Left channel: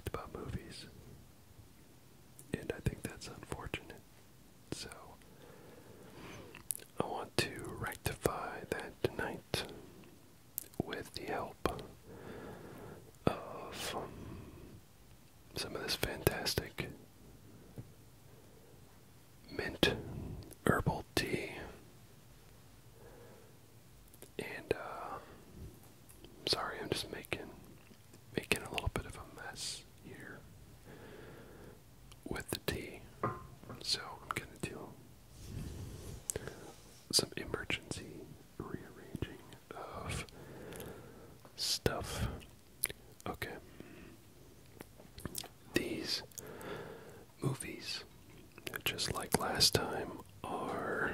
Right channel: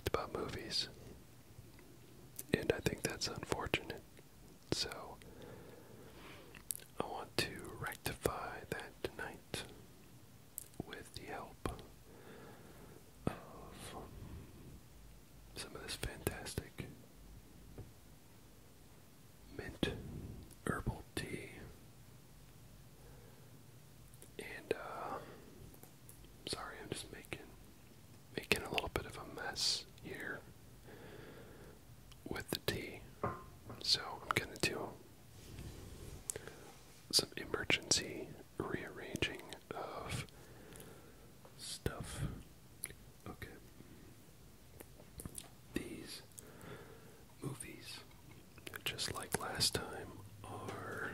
talked about movies. And I think that's unfortunate. So, I want to rectify that tonight with the help of some of this fantastic mint herbal tea. And, sorry, I'm just making a little bit of a mess here with the tea. So I'm gonna do some emergency rearranging of stuff. Okay. These movies, just like last time, are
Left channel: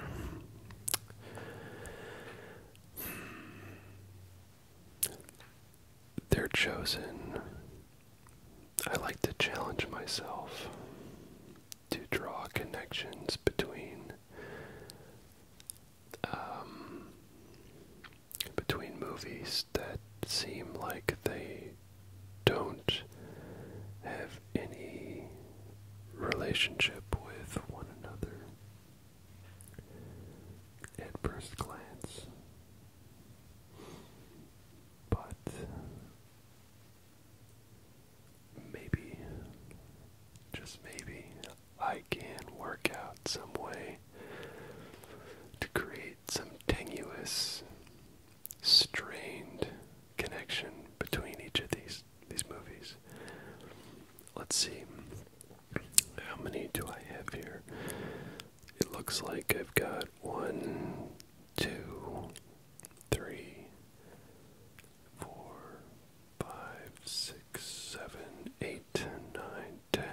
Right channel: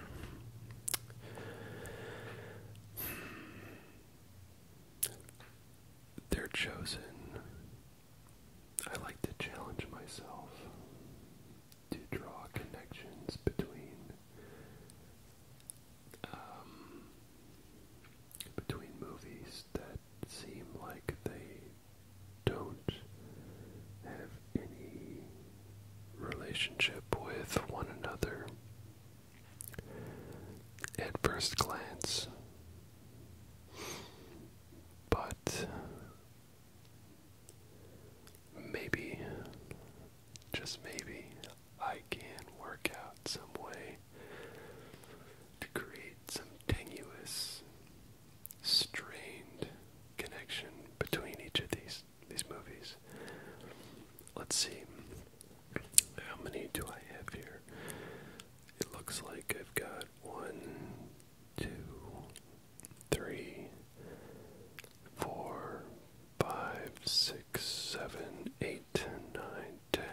they're chosen. I like to challenge myself to draw connections between movies that seem like they don't have any relationship with one another at first glance, but maybe, just maybe, I can work out some way to create some tenuous, strained connection between each of these movies. Let's see. How many do I have here? It looks like I've got 1, 2, 3, 4, 5, 6, 7, 8, 9, 10,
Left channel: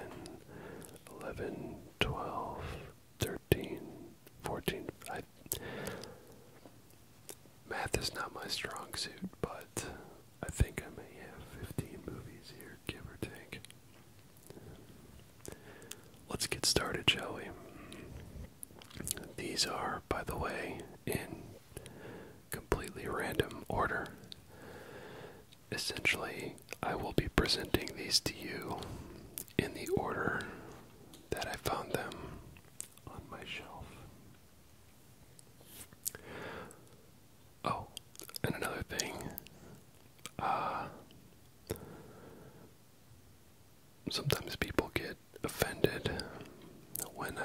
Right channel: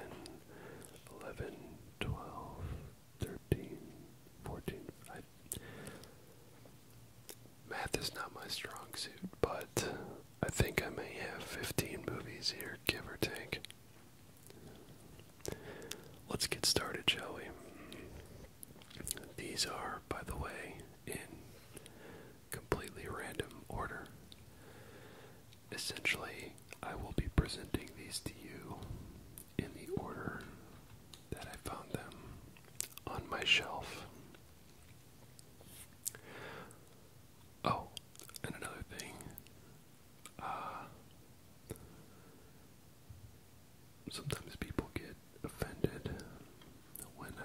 11, 12, 13, 14. Math is not my strong suit, but I think I may have 15 movies here, give or take. Let's get started, shall we? These are, by the way, in completely random order. Essentially, I will be presenting these to you in the order that I found them on my shelf. Oh, and another thing, sometimes people get offended when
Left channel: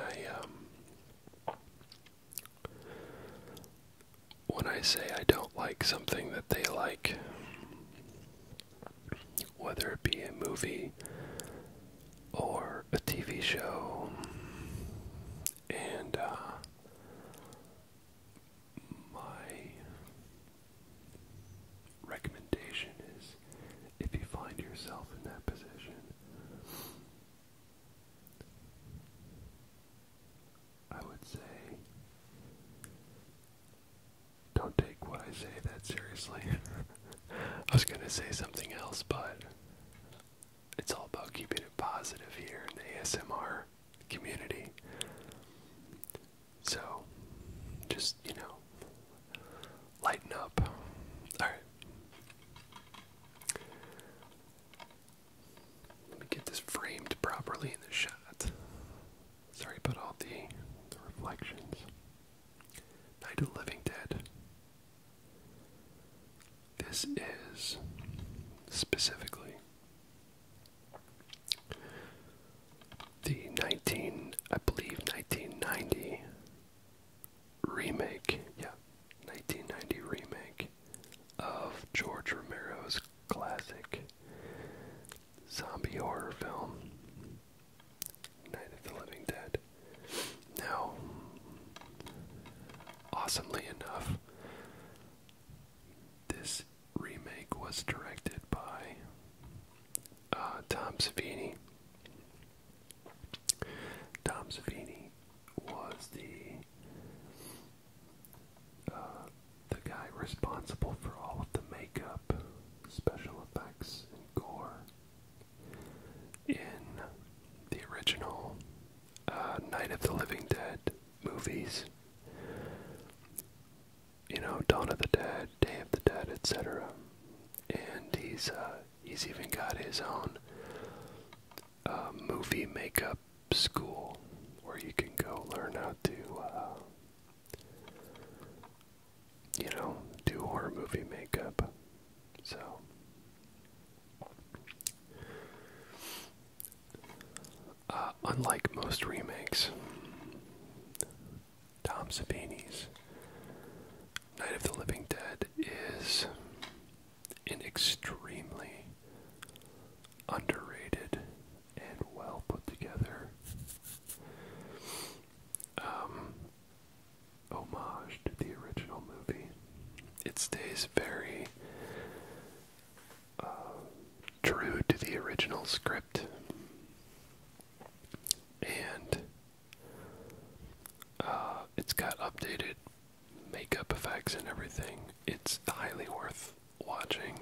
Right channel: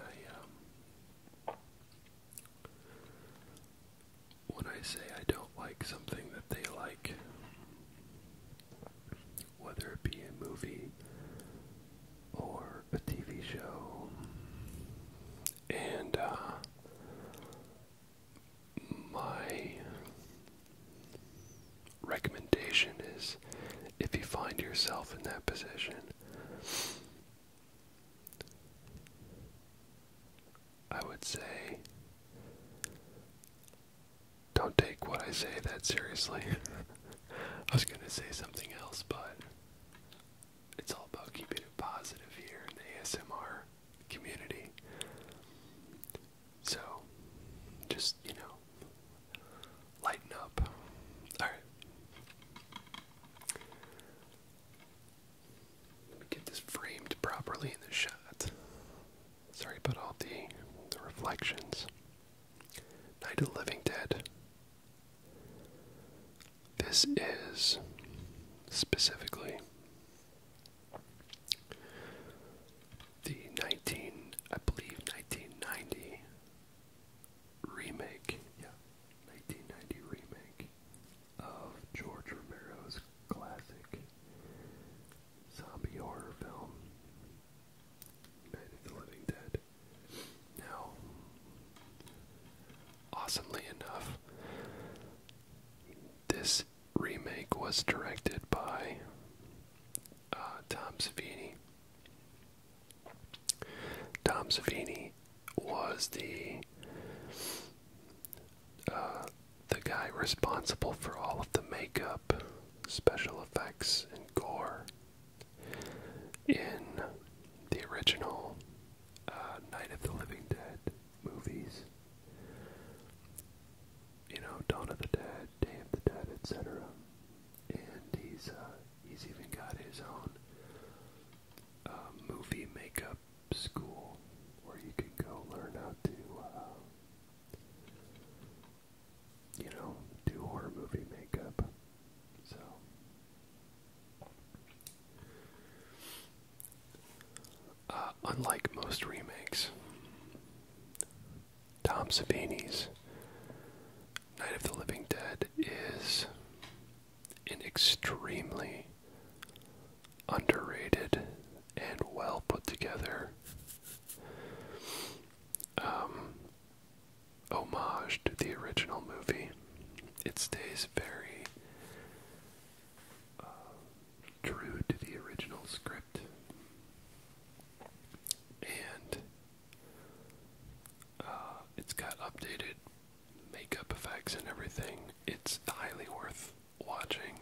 I say I don't like something that they like, whether it be a movie or a TV show. And my recommendation is, if you find yourself in that position, I would say, don't take what I say that seriously. I was going to say something else, but it's all about keeping it positive here in the ASMR community. So, just, lighten up. Alright. Let me get this framed properly in the shot. Sorry about all the reflections. Night of the Living Dead. This is specifically the 1990 remake, 1990 remake of George Romero's classic zombie horror film, Night of the Living Dead. Now, awesomely enough, this remake was directed by Tom Savini. Tom Savini was the guy responsible for all of the makeup, special effects, and gore in the original Night of the Living Dead movies. Dawn of the Dead, Day of the Dead, etc. And he's even got his own movie makeup school where you can go learn how to, do horror movie makeup. So, unlike most remakes, Tom Savini's Night of the Living Dead is an extremely underrated and well put together homage to the original movie. It stays very true to the original script, and it's got updated makeup effects and everything. It's highly worth watching,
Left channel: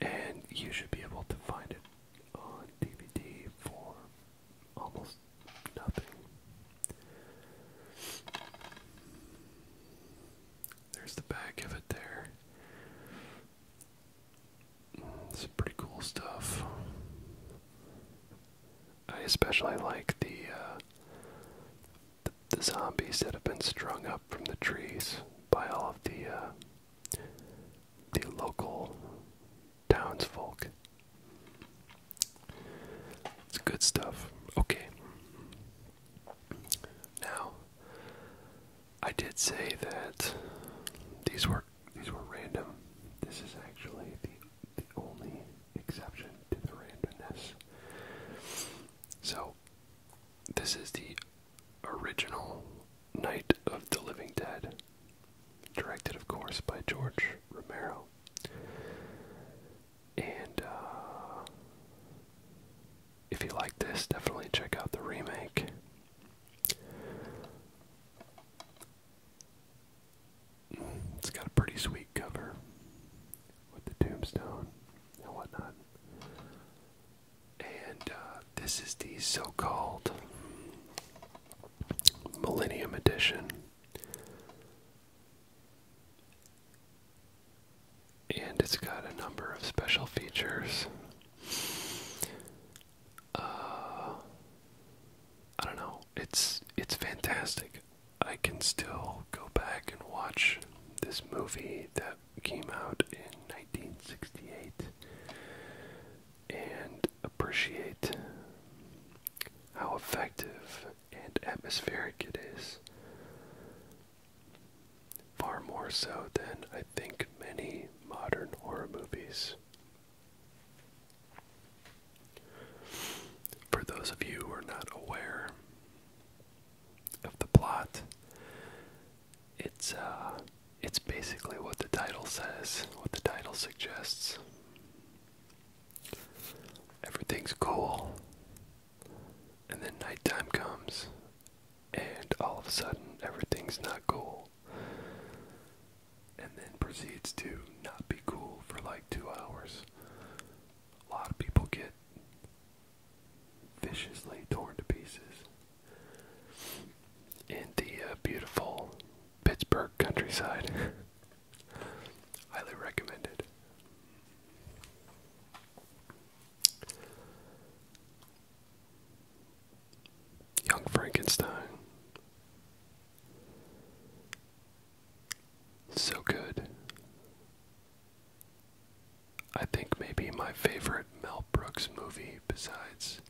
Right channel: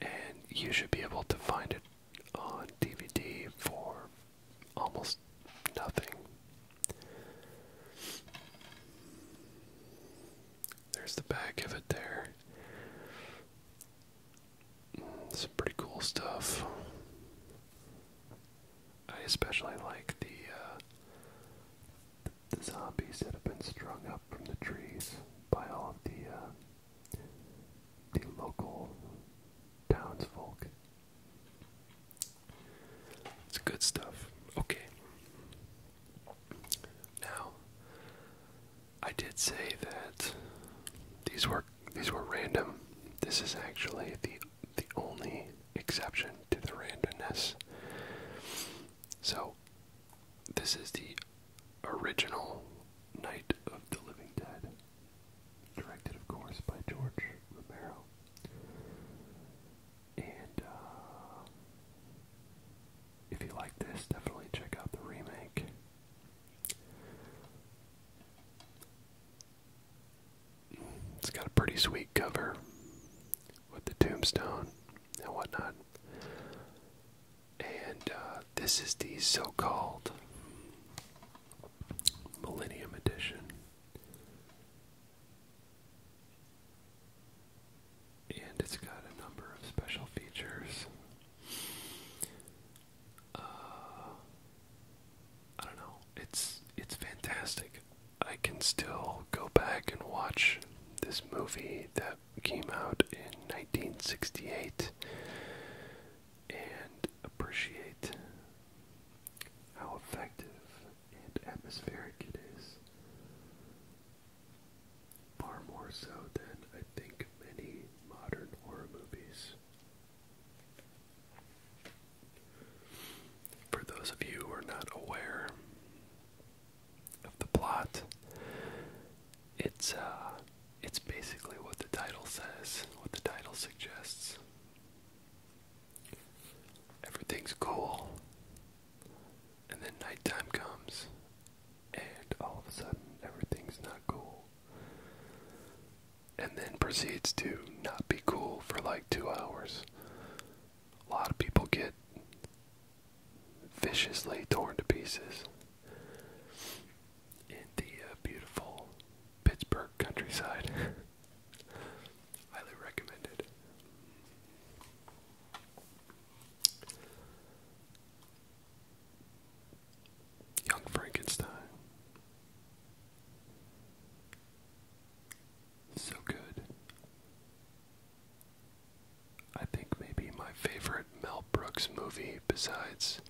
and you should be able to find it on DVD for almost nothing. There's the back of it there. Some pretty cool stuff. I especially like the zombies that have been strung up from the trees by all of the local townsfolk. It's good stuff. Okay. Now, I did say that these were random. This is actually the only exception to the randomness. So, this is the original Night of the Living Dead, directed, of course, by George Romero. And if you like this, definitely check out the remake. It's got a pretty sweet cover with the tombstone and whatnot. And this is the so-called Millennium Edition. And it's got a number of special features. I don't know. It's fantastic. I can still go back and watch this movie that came out in 1968 and appreciate how effective and atmospheric it is. Far more so than I think many modern horror movies. For those of you who are not aware of the plot, it's basically what the title says, what the title suggests. Everything's cool, and then nighttime comes, and all of a sudden everything's not cool, and then proceeds to not be cool for like 2 hours. A lot of people get viciously torn to pieces in the beautiful Pittsburgh countryside. Highly recommended. Young Frankenstein. So good. I think maybe my favorite Mel Brooks movie besides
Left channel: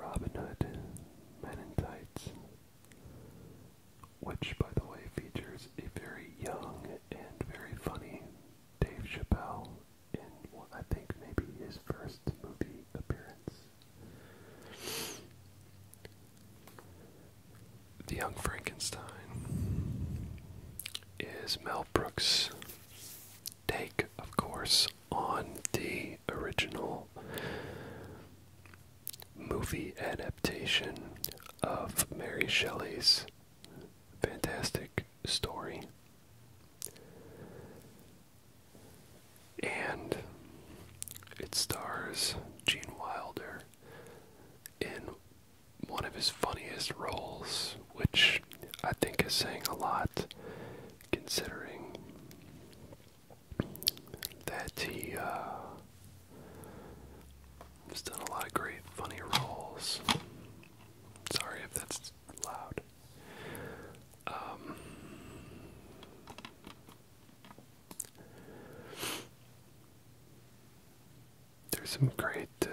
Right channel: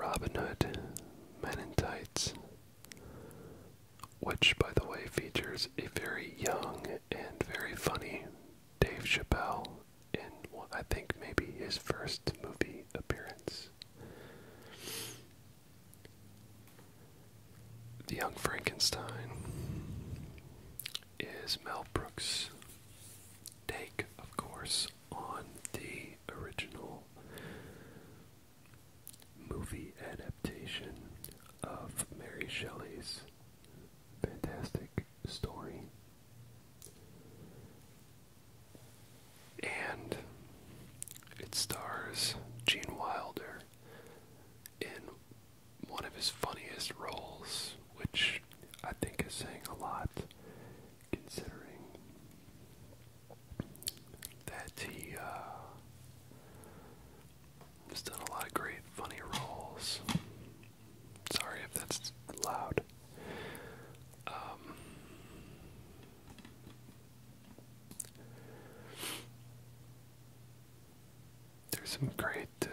Robin Hood, Men in Tights, which, by the way, features a very young and very funny Dave Chappelle in what I think maybe his first movie appearance. The Young Frankenstein is Mel Brooks' take, of course, on the original movie adaptation of Mary Shelley's fantastic story. And it stars Gene Wilder in one of his funniest roles, which I think is saying a lot, considering that he has done a lot there's some great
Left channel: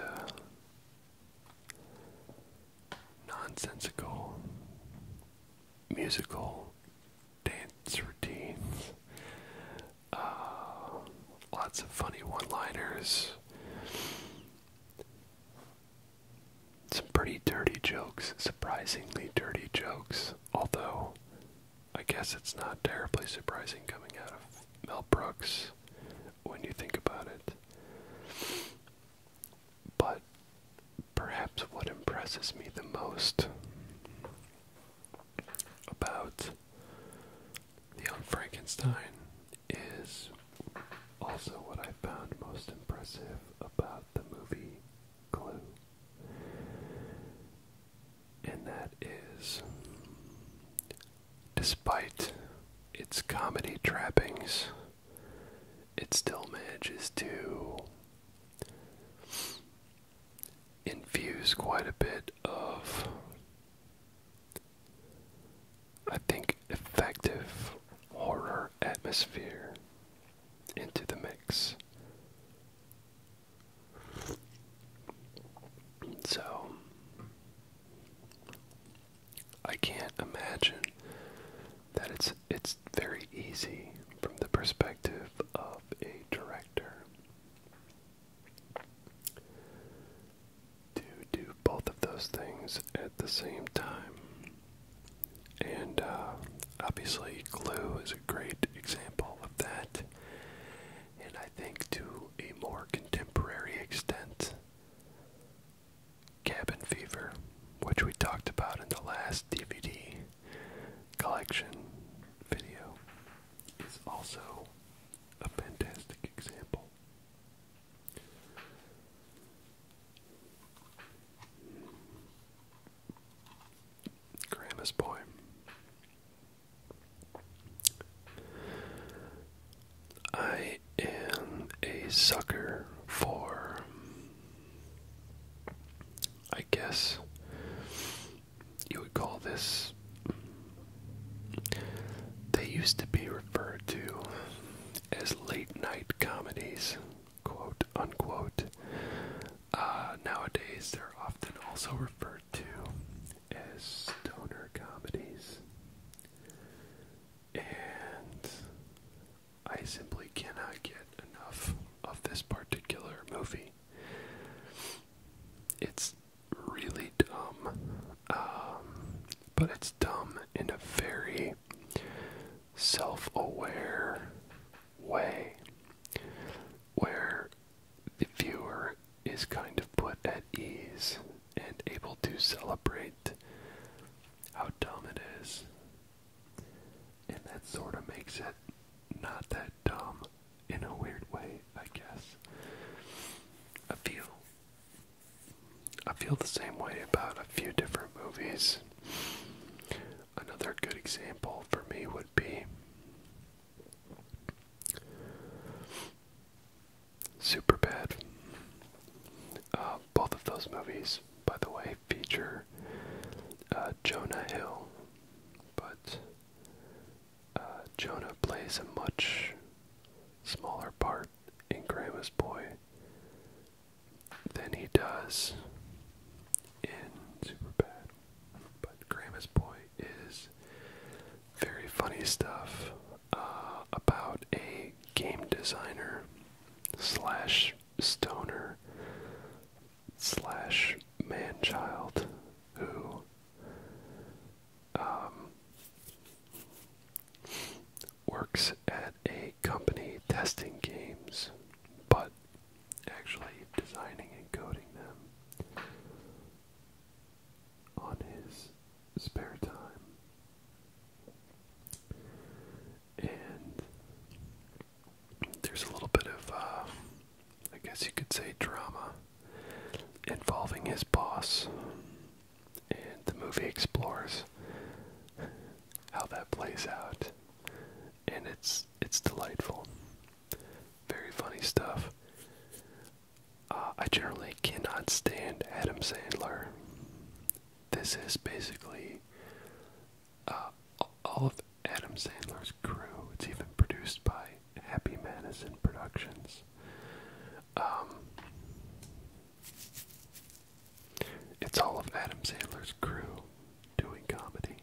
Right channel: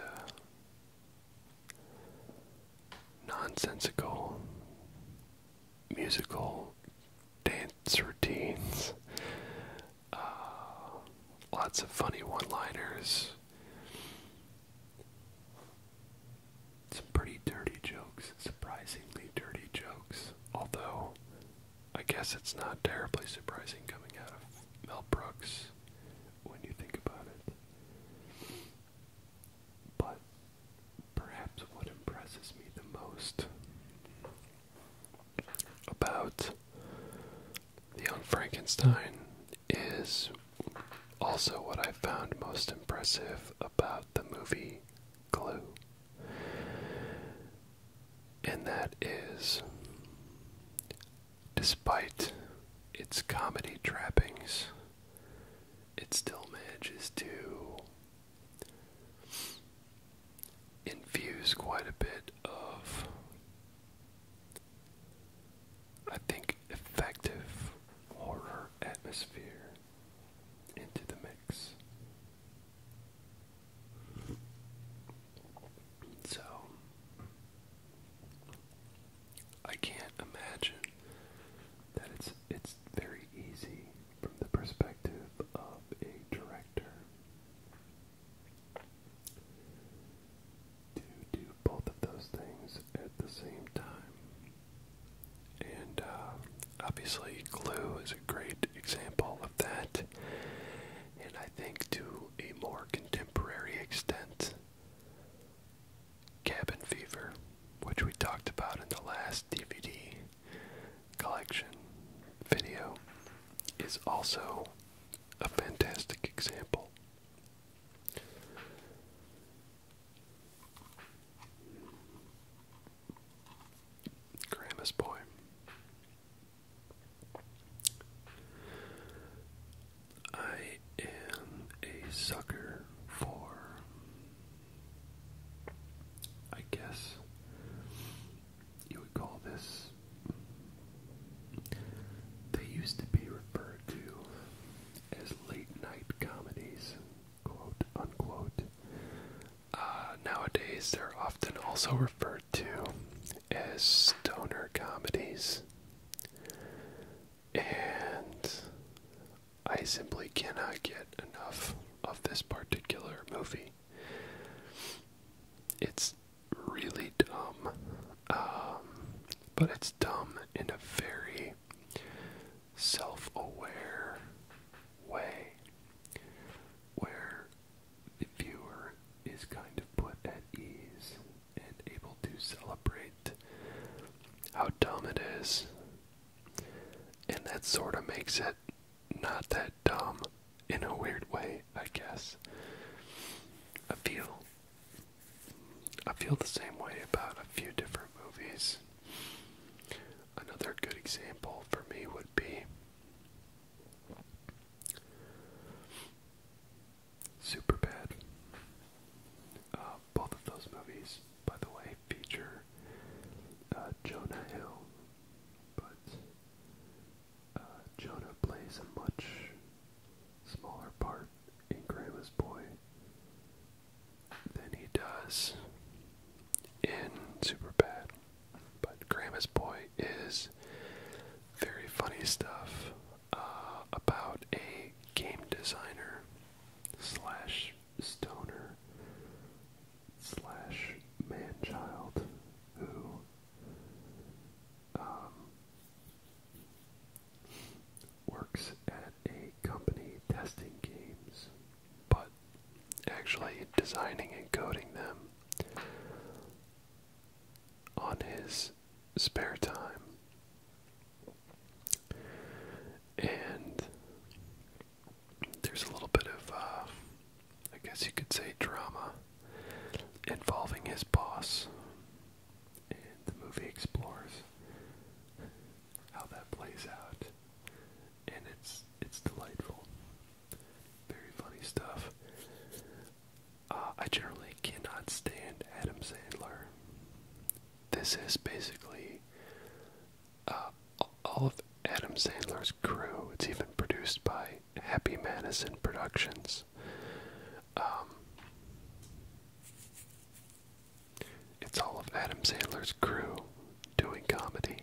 nonsensical musical dance routines. Lots of funny one-liners. Some pretty dirty jokes, surprisingly dirty jokes. Although, I guess it's not terribly surprising coming out of Mel Brooks when you think about it. But perhaps what impresses me the most about the Young Frankenstein is also what I found most impressive about the movie Glue. And that is, despite its comedy trappings, it still manages to infuse quite a bit of, I think, effective horror atmosphere into the mix. So, I can't imagine that it's very easy from the perspective of a director to do both of those things at the same time. And obviously Glue is a great example of that. And I think to a more contemporary extent, Cabin Fever, which we talked about in the last DVD collection video, is also a fantastic example. Grandma's Boy. I am a sucker for, I guess you would call this, they used to be referred to as late night comedies, quote unquote. Nowadays they're often also referred to as stoner comedies. And I simply cannot get enough of this particular movie. It's really dumb, but it's dumb in a very self-aware way, where the viewer is kind of put at ease and able to celebrate how dumb it is. And that sort of makes it not that dumb in a weird way, I guess. I feel the same way about a few different movies. Another good example for me would be Superbad. Both of those movies, by the way, feature Jonah Hill, but Jonah plays a much smaller part in Grandma's Boy than he does in Superbad. But Grandma's Boy is very funny stuff about a game designer slash stoner slash man-child who works at a company testing games, but actually designing and coding them on his spare time. And there's a little bit of, I guess you could say, drama involving his boss. And the movie explores how that plays out. And it's delightful. Very funny stuff. I generally cannot stand Adam Sandler. This is basically all of Adam Sandler's crew. It's even produced by Happy Madison Productions. Adam Sandler's crew doing comedy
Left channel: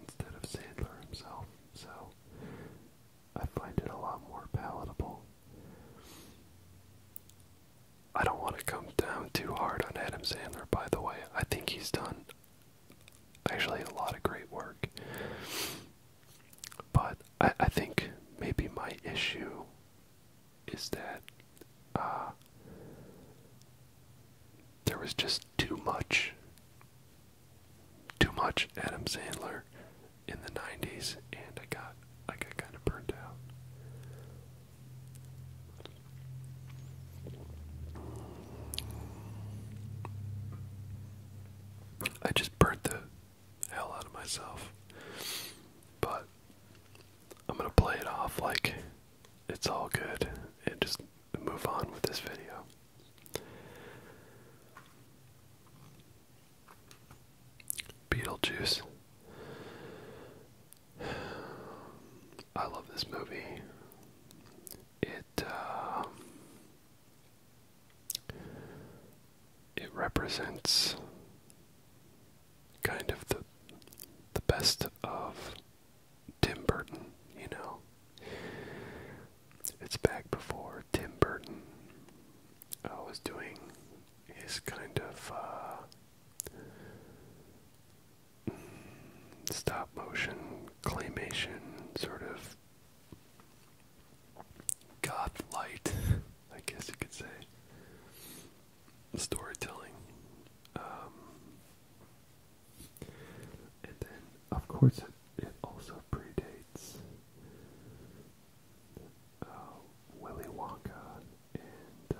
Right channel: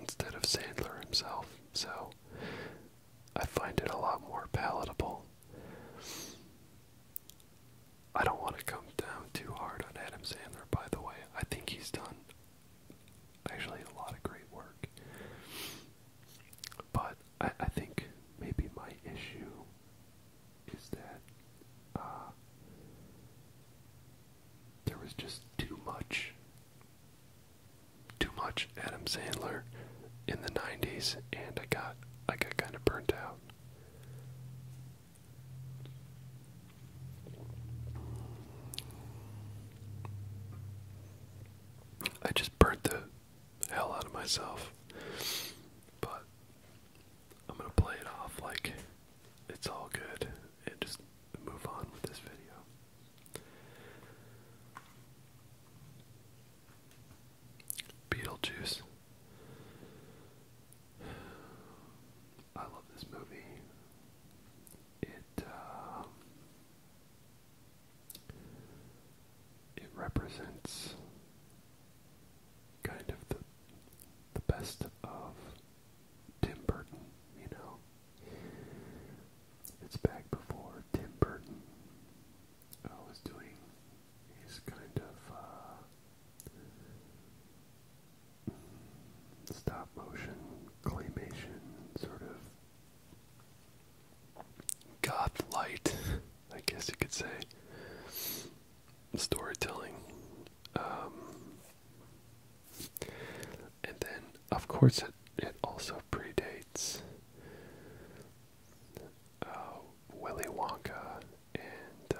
instead of Sandler himself, so I find it a lot more palatable. I don't want to come down too hard on Adam Sandler, by the way. I think he's done actually a lot of great work. But I think maybe my issue is that there was just too much Adam Sandler in the 90s, and I got kind of burnt out. I just burnt the hell out of myself. But I'm gonna play it off like it's all good and just move on with this video. Beetlejuice. I love this movie. It represents kind of the best of Tim Burton, you know. It's back before Tim Burton was doing his kind of stop motion, claymation, sort of goth light, I guess you could say, storytelling. And then, of course, it also predates Willy Wonka and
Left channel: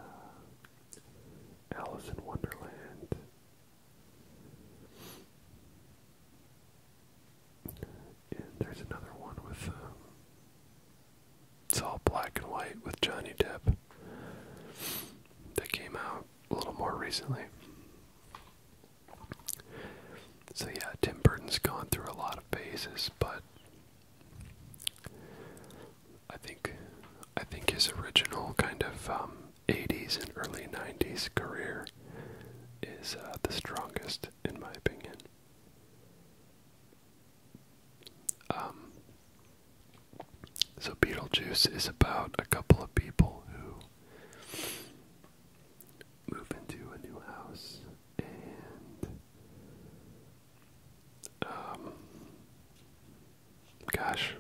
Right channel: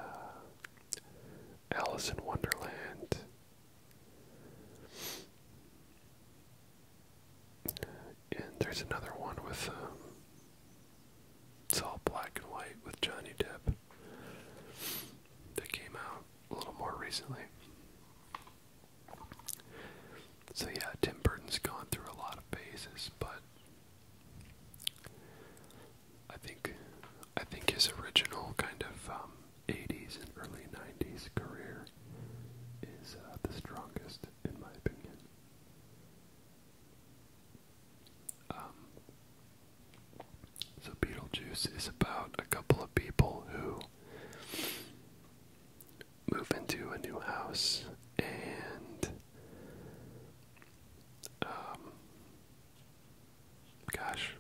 Alice in Wonderland. And there's another one with, it's all black and white with Johnny Depp that came out a little more recently. So yeah, Tim Burton's gone through a lot of phases, but I think his original kind of 80s and early 90s career is the strongest, in my opinion. So Beetlejuice is about a couple of people who move into a new house, and gosh,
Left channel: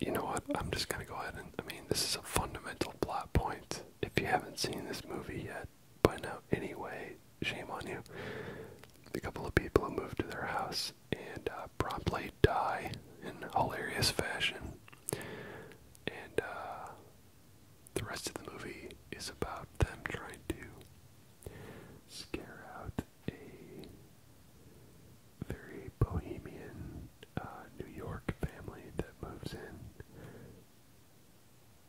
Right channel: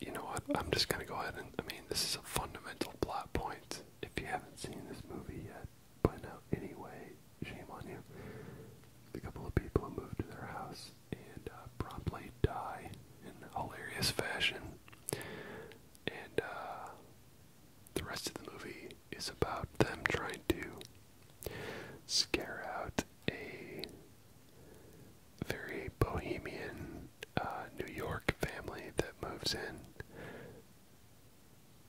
you know what, I'm just gonna go ahead and, this is a fundamental plot point. If you haven't seen this movie yet by now, anyway, shame on you. A couple of people who move to their house and promptly die in hilarious fashion, and the rest of the movie is about them trying to scare out a very bohemian New York family that moves in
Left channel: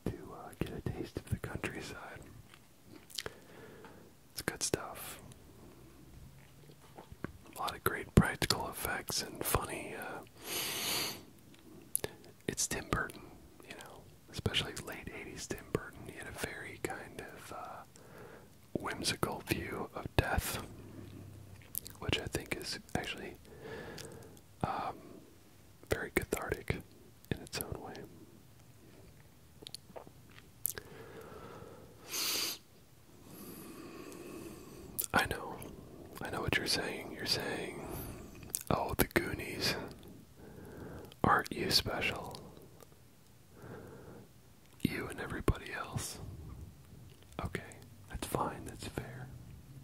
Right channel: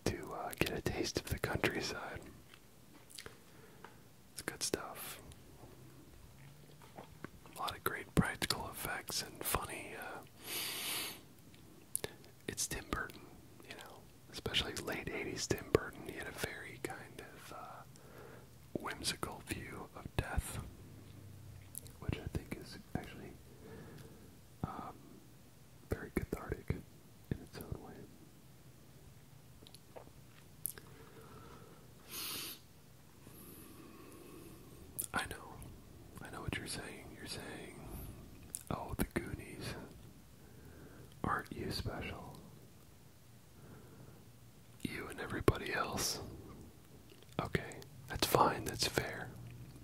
to get a taste of the countryside. It's good stuff. A lot of great practical effects and funny. It's Tim Burton, you know, especially late 80s Tim Burton. He had a very kind of whimsical view of death, which I think is actually very cathartic in its own way. I know what you're saying. You're saying, oh, the Goonies, aren't you special? You and everybody else. Okay, that's fine, that's fair.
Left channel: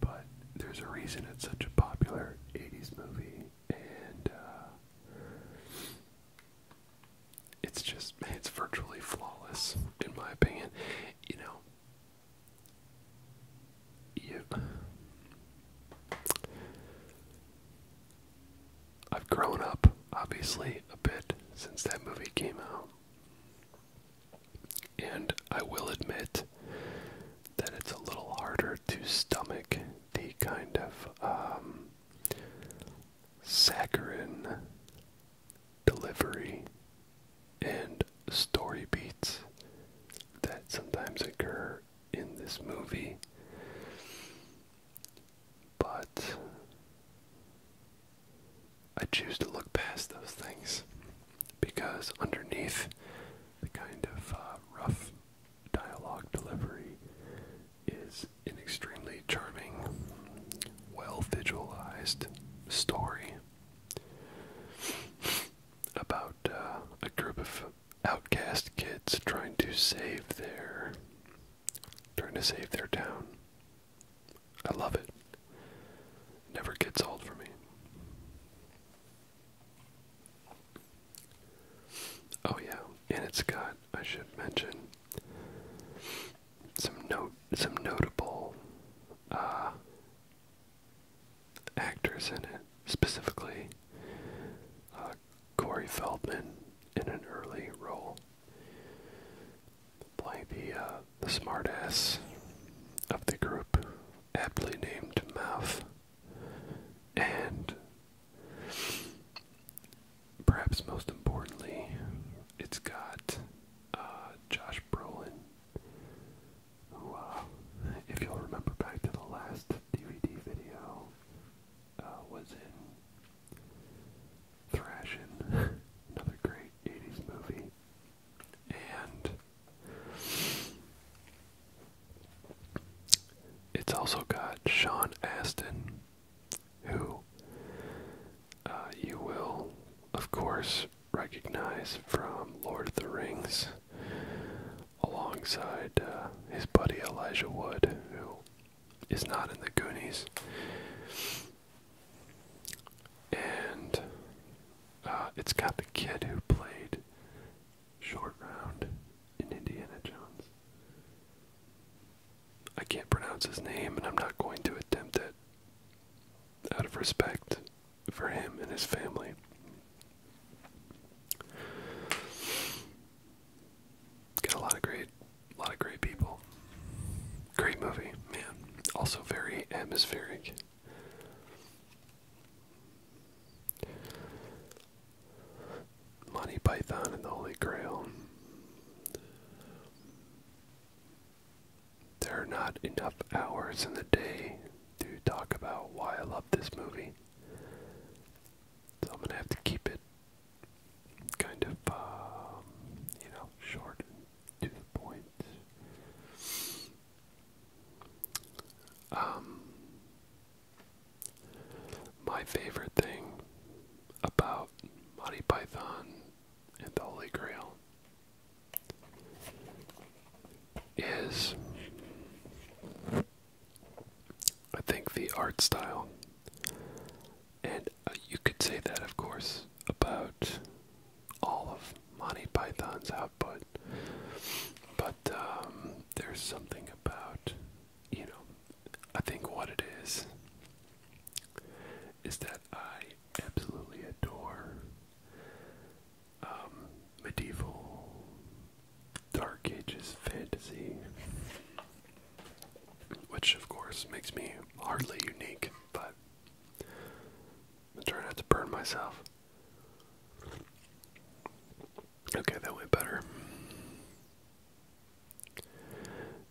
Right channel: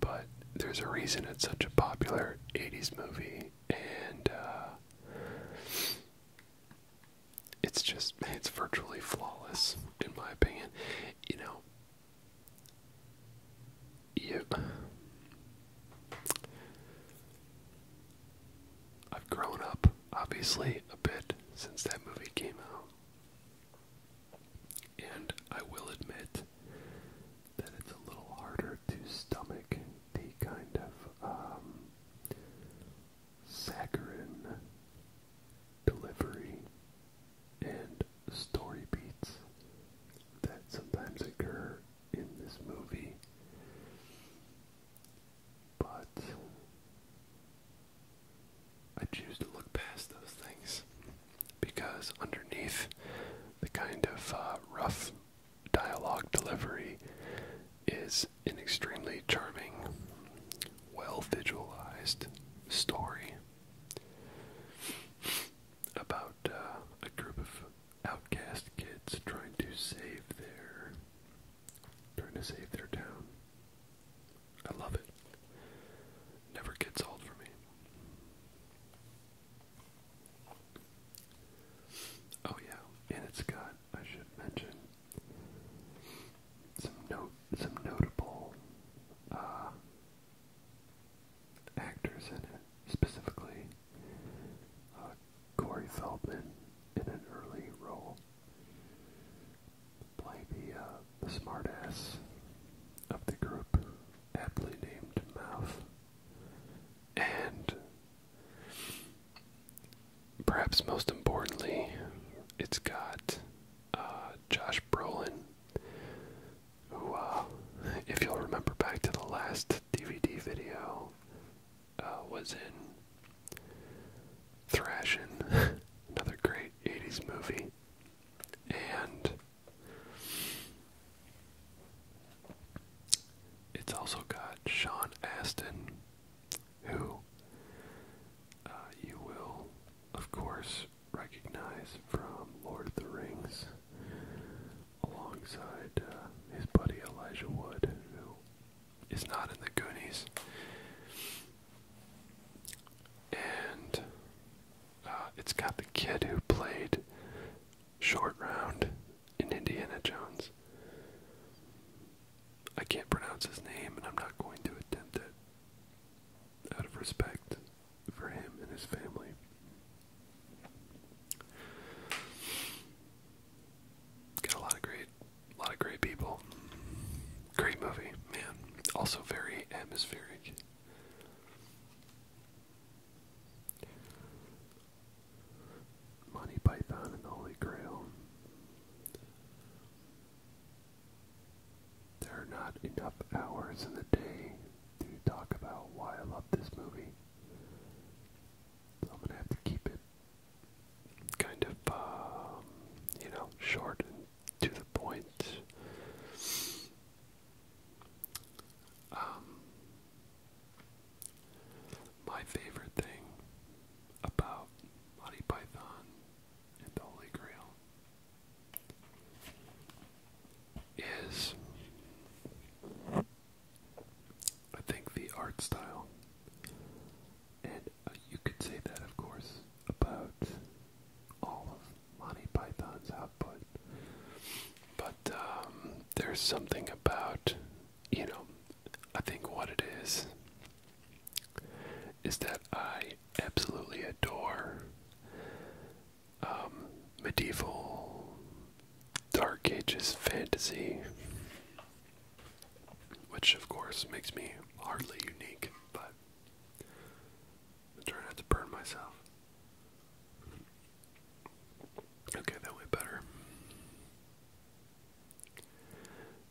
But there's a reason it's such a popular 80s movie, and it's virtually flawless, in my opinion. You know, I've grown up, obviously, a bit since that movie came out. And I will admit that it's a little harder to stomach the kind of saccharine delivery and story beats that sometimes occur in this movie. But choose to look past those things, because underneath the kind of rough dialogue delivery is an extremely charming, well-visualized story about a group of outcast kids trying to save their town. I love it. Never gets old for me. Oh yeah, and it's got, I should mention, some notable actors in it, specifically Corey Feldman in an early role, playing the smartass of the group, aptly named Mouth. And perhaps most importantly, it's got Josh Brolin, who, if you'll remember back to the last DVD video, was in Thrashin', another great 80s movie. And it's also got Sean Astin, who you will, of course, recognize from Lord of the Rings, alongside his buddy Elijah Wood, who is not in the Goonies. And it's got the kid who played Short Round in Indiana Jones. I can't pronounce his name, and I'm not going to attempt it, out of respect for him and his family. Got a lot of great people. Great movie, man. Also very atmospheric. Monty Python and the Holy Grail. There are not enough hours in the day to talk about why I love this movie. So I'm gonna have to keep it kind of, short and to the point. My favorite thing about Monty Python and the Holy Grail is, I think, the art style. And you could say that, of course, about all of Monty Python's output. But there's something about, I think what it is that I absolutely adore medieval Dark Ages fantasy, which of course makes me hardly unique, but I'm trying not to burn myself. Okay, that went better.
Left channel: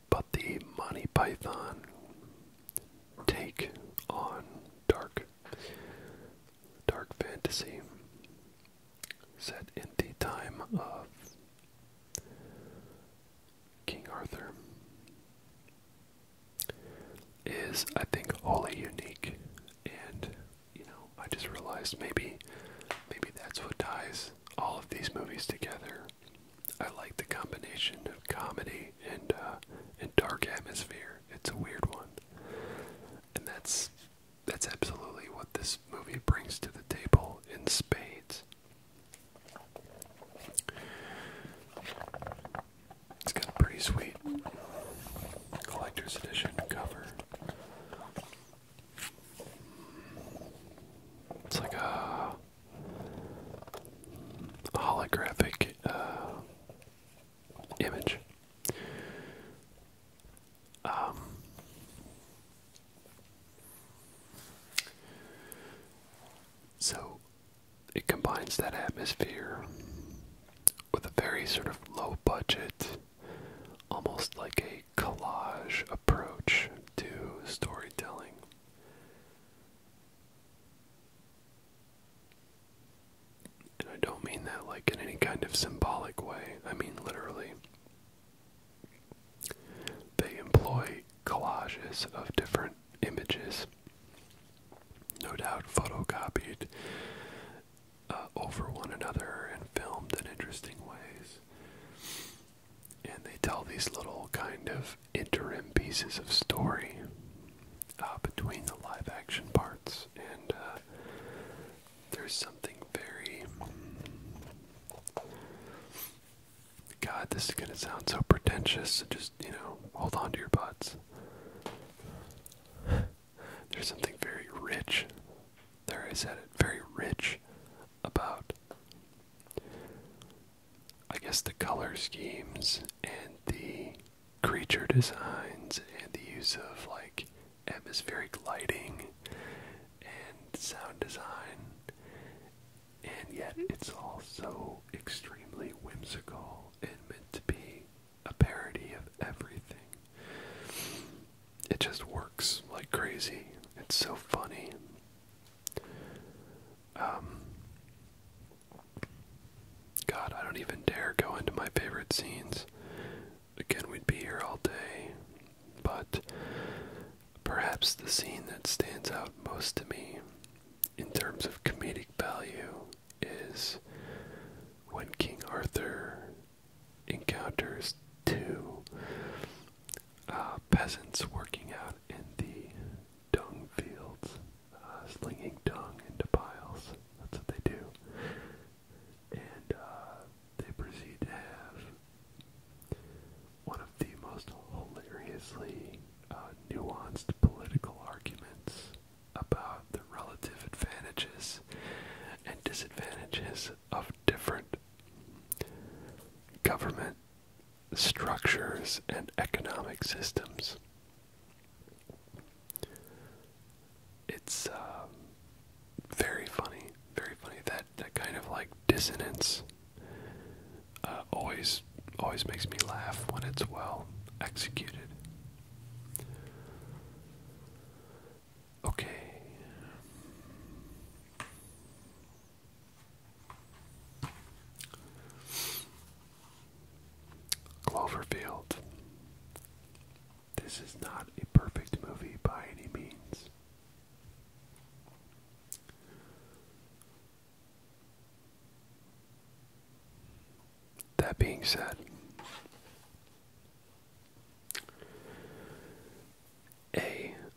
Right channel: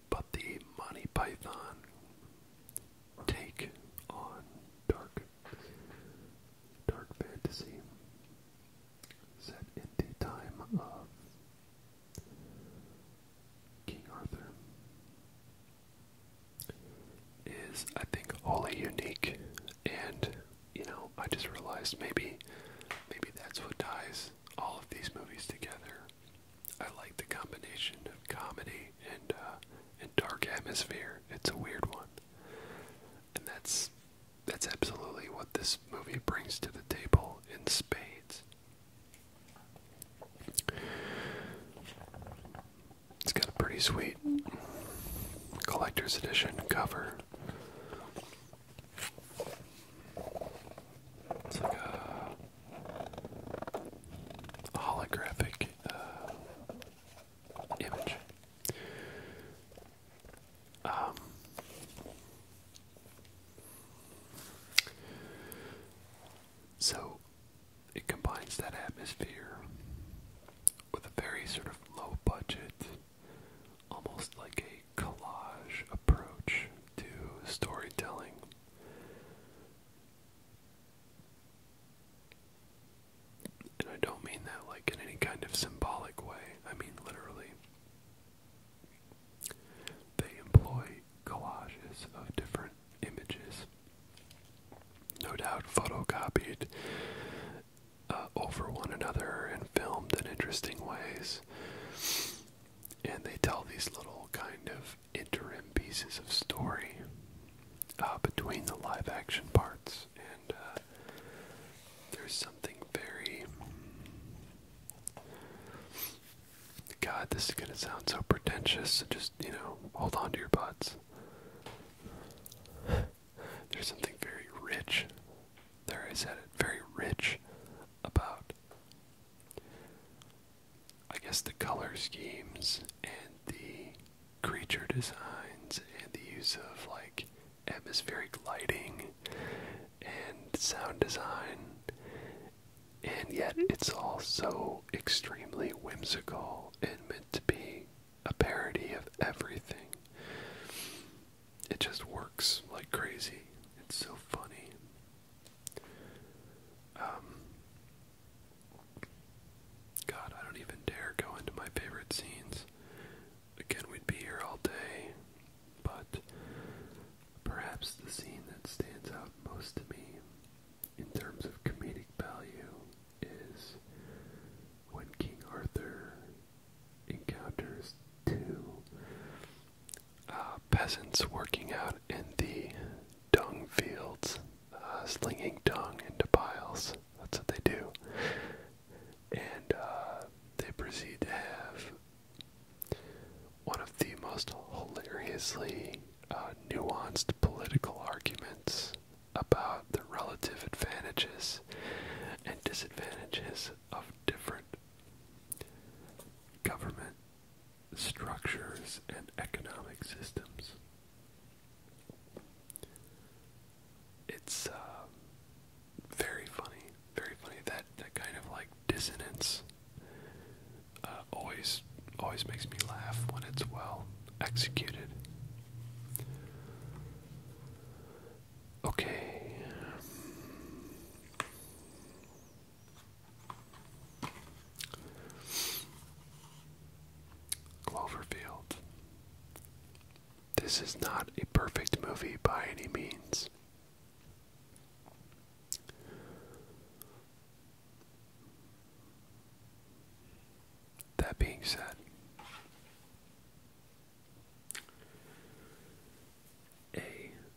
But the Monty Python take on dark fantasy, set in the time of King Arthur, is, I think, wholly unique. And I just realized maybe that's what ties all of these movies together. I like the combination of comedy and dark atmosphere. It's a weird one, and that's absolutely what this movie brings to the table in spades. It's got a pretty sweet collector's edition cover. It's like a holographic image. So it combines that atmosphere with a very sort of low budget, almost like a collage approach to storytelling. pages of different images, no doubt photocopied over one another and filmed in interesting ways. And they tell these little kind of interim pieces of story between the live action parts, and there's something very, God, this is going to sound so pretentious, so just, hold on to your butts. There's something very rich, there I said it, very rich about, I guess, the color schemes and the creature designs and the use of, like, atmospheric lighting and sound design, and yet it's all so extremely whimsical and meant to be a parody of everything. It just works like crazy. It's so funny. God, I don't even dare go into my favorite scenes. Again, we'd be here all day, but perhaps the scene that stands out most to me in terms of comedic value is when King Arthur encounters two peasants working out in the dung fields, slinging dung into piles. That's what they do. And they proceed to have one of the most hilariously nuanced political arguments about the relative advantages and disadvantages of different government structures and economic systems. It's very funny, very funny. That kind of like dissonance always makes me laugh when it's well executed. Okay. Cloverfield. This is not a perfect movie by any means. That being said,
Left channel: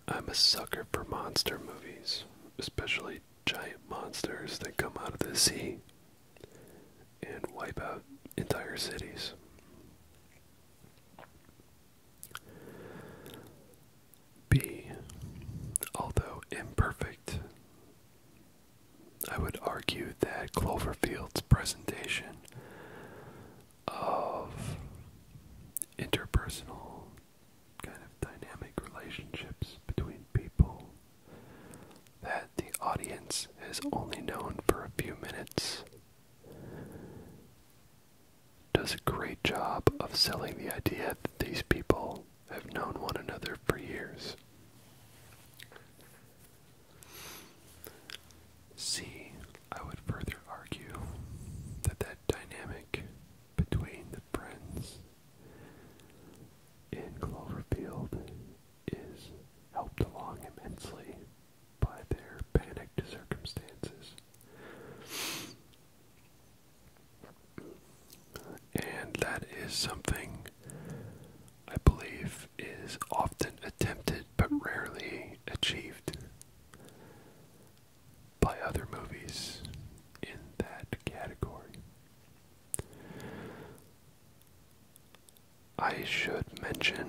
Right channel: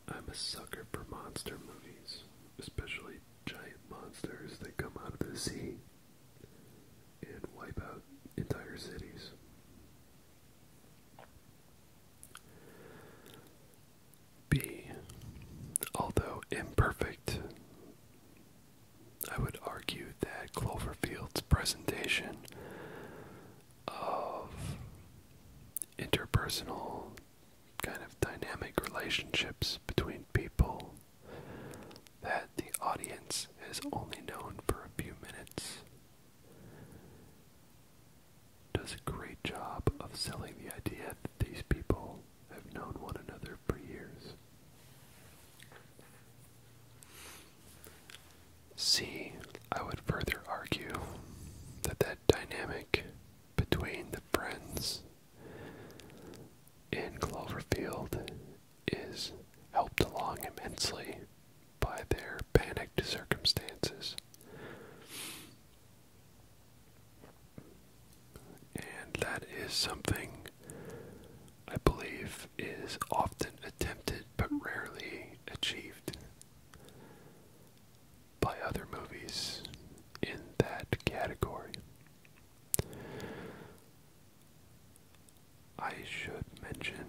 I'm a sucker for monster movies, especially giant monsters that come out of the sea and wipe out entire cities. B, although imperfect, I would argue that Cloverfield's presentation of interpersonal kind of dynamic relationships between people that the audience has only known for a few minutes does a great job of selling the idea that these people have known one another for years. C, I would further argue that dynamic between the friends in Cloverfield is helped along immensely by their panicked circumstances. And that is something I believe is often attempted but rarely achieved by other movies in that category. I should mention,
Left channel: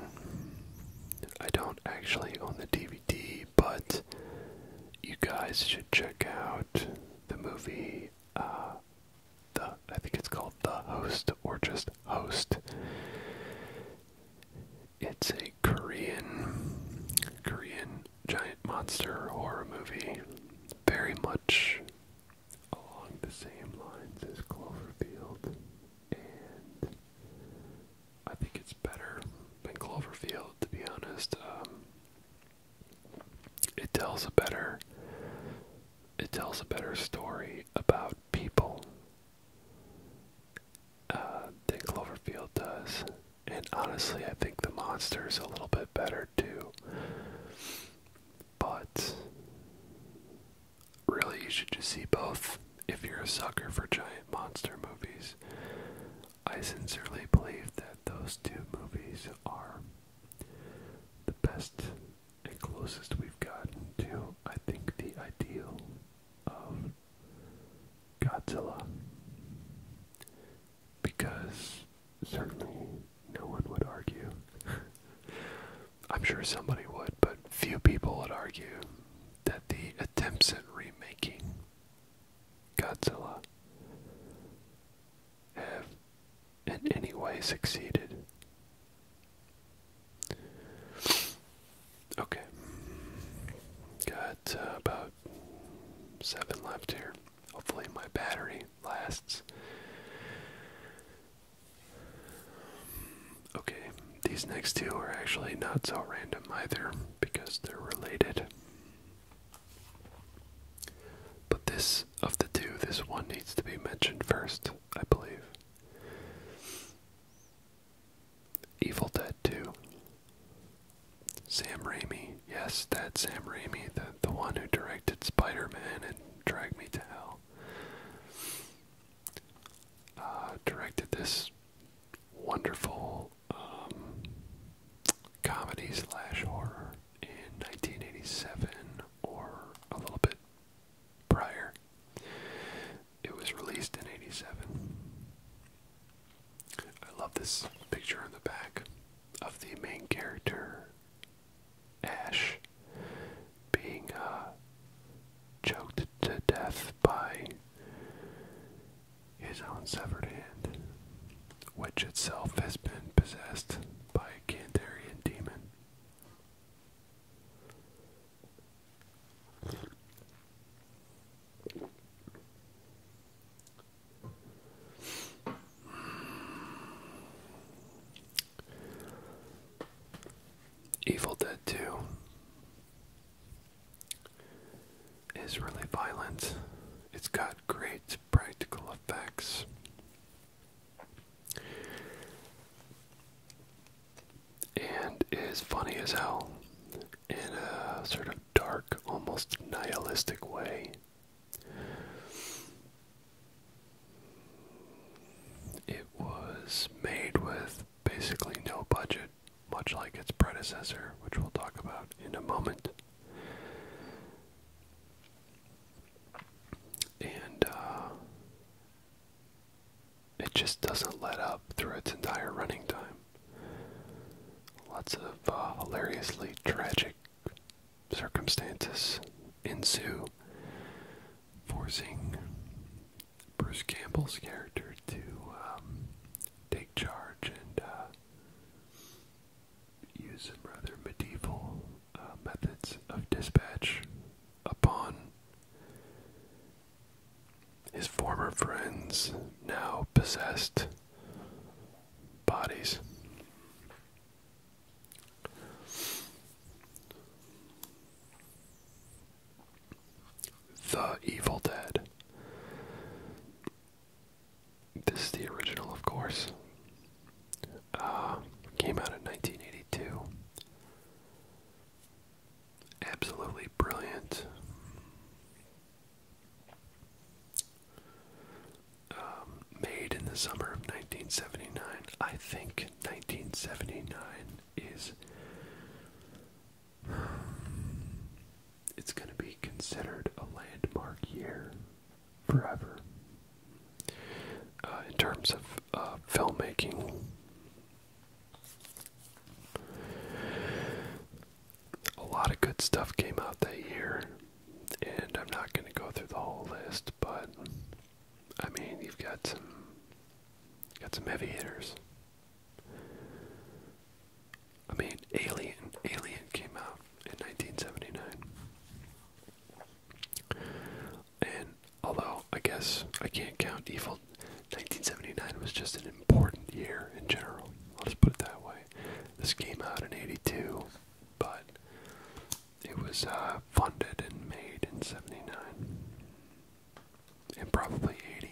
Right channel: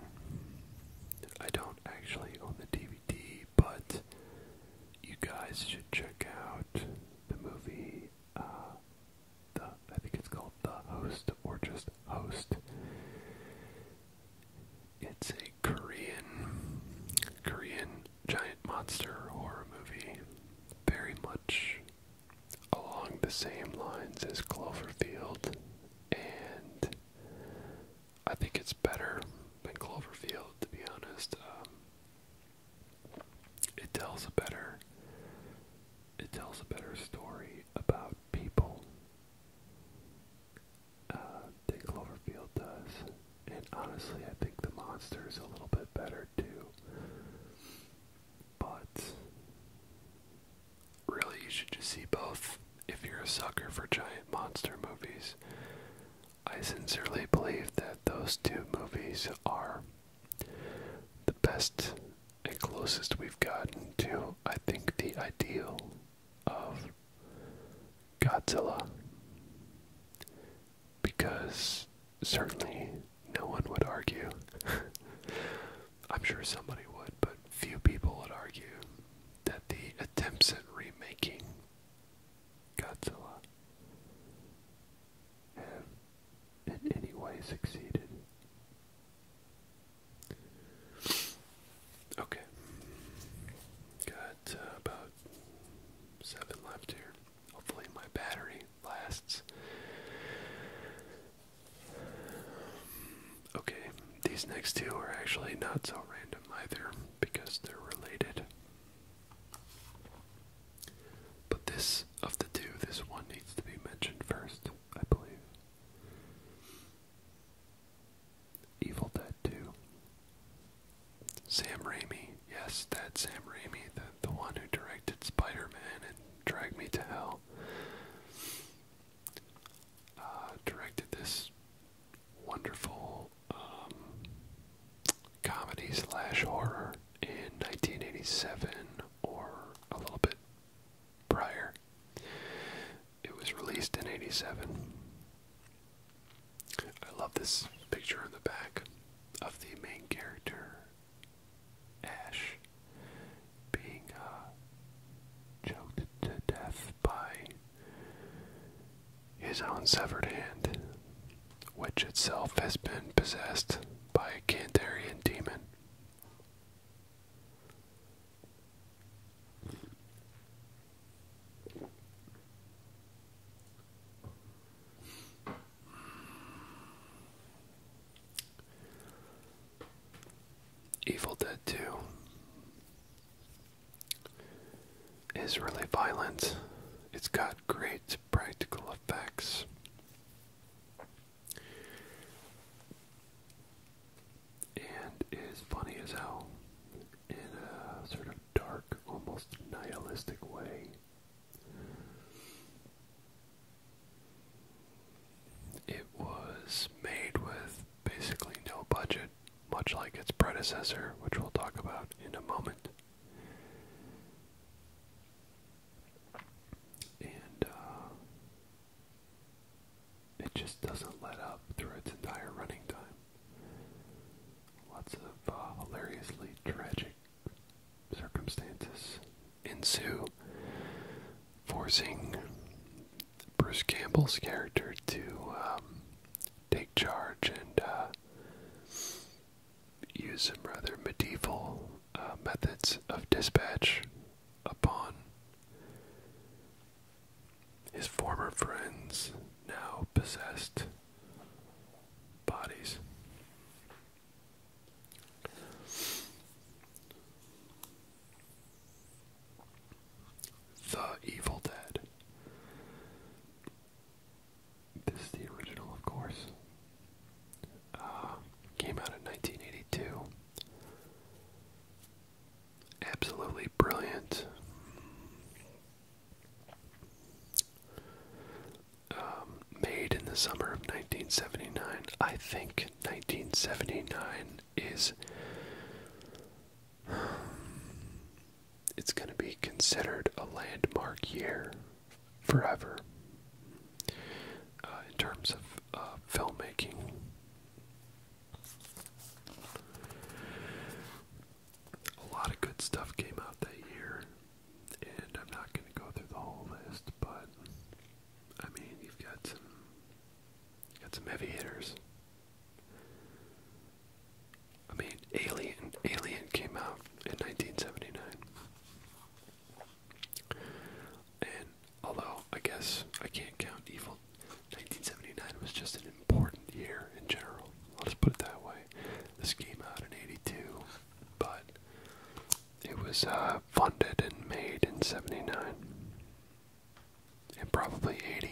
I don't actually own the DVD, but you guys should check out the movie, I think it's called The Host, or just Host. It's a Korean giant monster horror movie, very much along the same lines as Cloverfield, and I think it's better than Cloverfield, to be honest. It tells a better story about people than Cloverfield does, and honestly, I think the monster's a little bit better too. a sucker for giant monster movies. I sincerely believe that those two movies are the best and closest we've gotten to, I think, the ideal of Godzilla. Because certainly no one would argue. I'm sure somebody would, but few people would argue that the attempts at remaking Godzilla have in any way succeeded. Okay. Got about 7 left here. Hopefully my battery lasts. Okay, these next two are actually not so random either because they're related. But this, of the two, this one needs to be mentioned first, I believe. Evil Dead 2. Sam Raimi, yes, that's Sam Raimi, the one who directed Spider-Man and Drag Me to Hell. Directed this wonderful comedy/horror in 1987 or a little bit prior. It was released in 87. I love this picture in the back of the main character, Ash, being choked to death by his own severed hand, which itself has been possessed by a Kandarian demon. Evil Dead 2 is really violent. It's got great practical effects. And is funny as hell in a sort of dark, almost nihilistic way. It was made with basically no budget, much like its predecessor, which we'll talk about in a moment. And it just doesn't let up through its entire running time. Lots of hilariously tragic circumstances ensue, forcing Bruce Campbell's character to take charge and use some rather medieval methods of dispatch upon his former friends' now possessed bodies. The Evil Dead. This is the original, of course. Came out in 1982. Absolutely brilliant. Made in the summer of 1979. I think 1979 is... it's going to be considered a landmark year forever in terms of filmmaking. A lot of good stuff came out that year, and I'm not going to go through the whole list, but I mean, you've got some heavy hitters. I mean, Alien came out in 1979. And although I guess I can't count Evil, 1979 was just an important year in general. I'll just put it that way. This came out in 82, but it was funded and made in 79. And probably 80.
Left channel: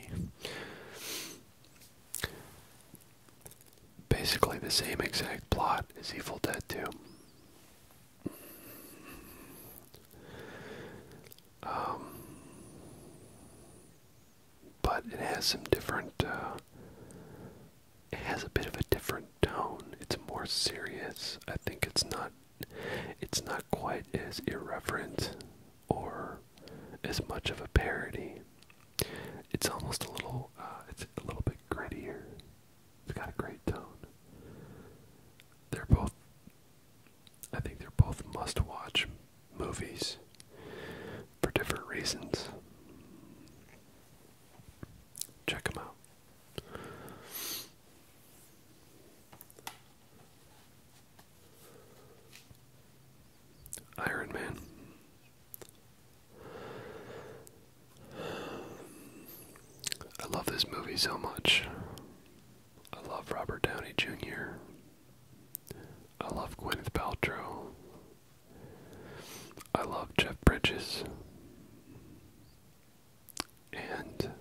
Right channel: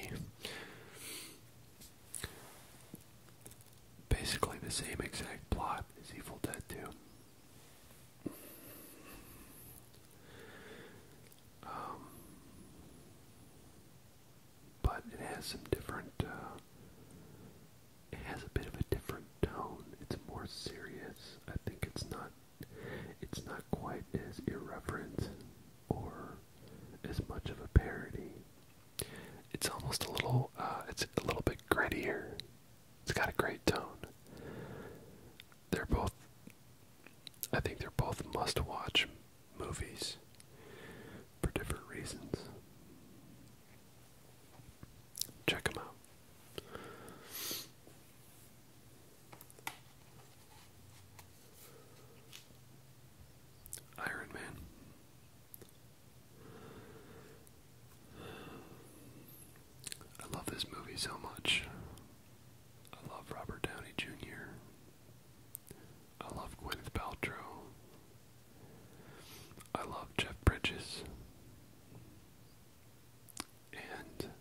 Basically the same exact plot as Evil Dead 2. has some different, it has a bit of a different tone. It's more serious. I think it's not quite as irreverent or as much of a parody. It's almost a little, it's a little bit grittier. It's got a great tone. I think they're both must-watch movies for different reasons. Check them out. Iron Man. I love this movie so much. I love Robert Downey Jr. I love Gwyneth Paltrow. I love Jeff Bridges. And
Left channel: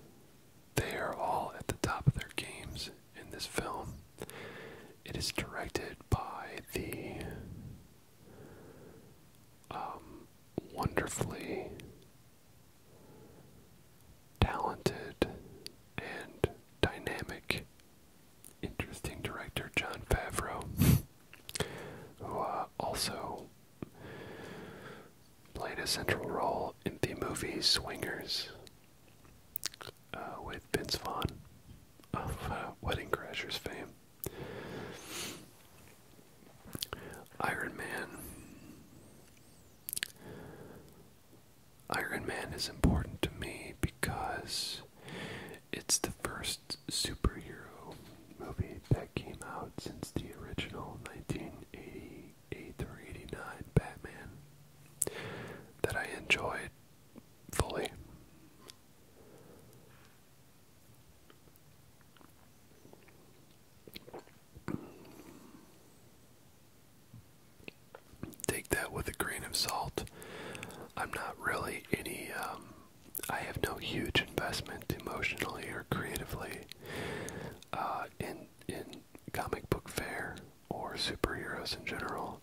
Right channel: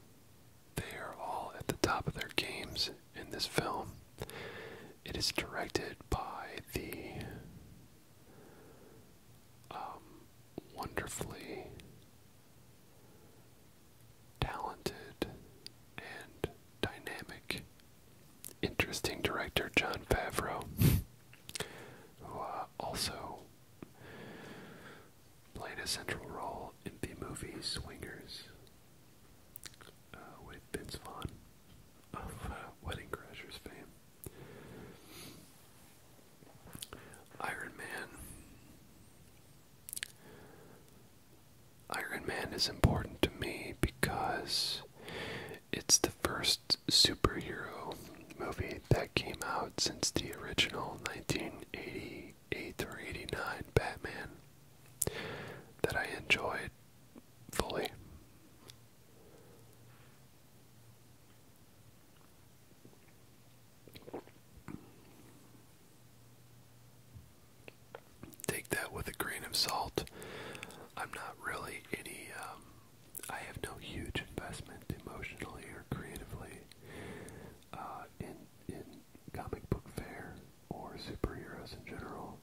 they are all at the top of their games in this film. It is directed by the wonderfully talented and dynamic, interesting director Jon Favreau, who also played a central role in the movie Swingers with Vince Vaughn of Wedding Crashers fame. Iron Man. Iron Man is important to me because it's the first superhero movie that came out since the original 1988 or 89 Batman that I enjoyed fully. Take that with a grain of salt. I'm not really any, I have no huge investment emotionally or creatively in comic book fare or superheroes in general.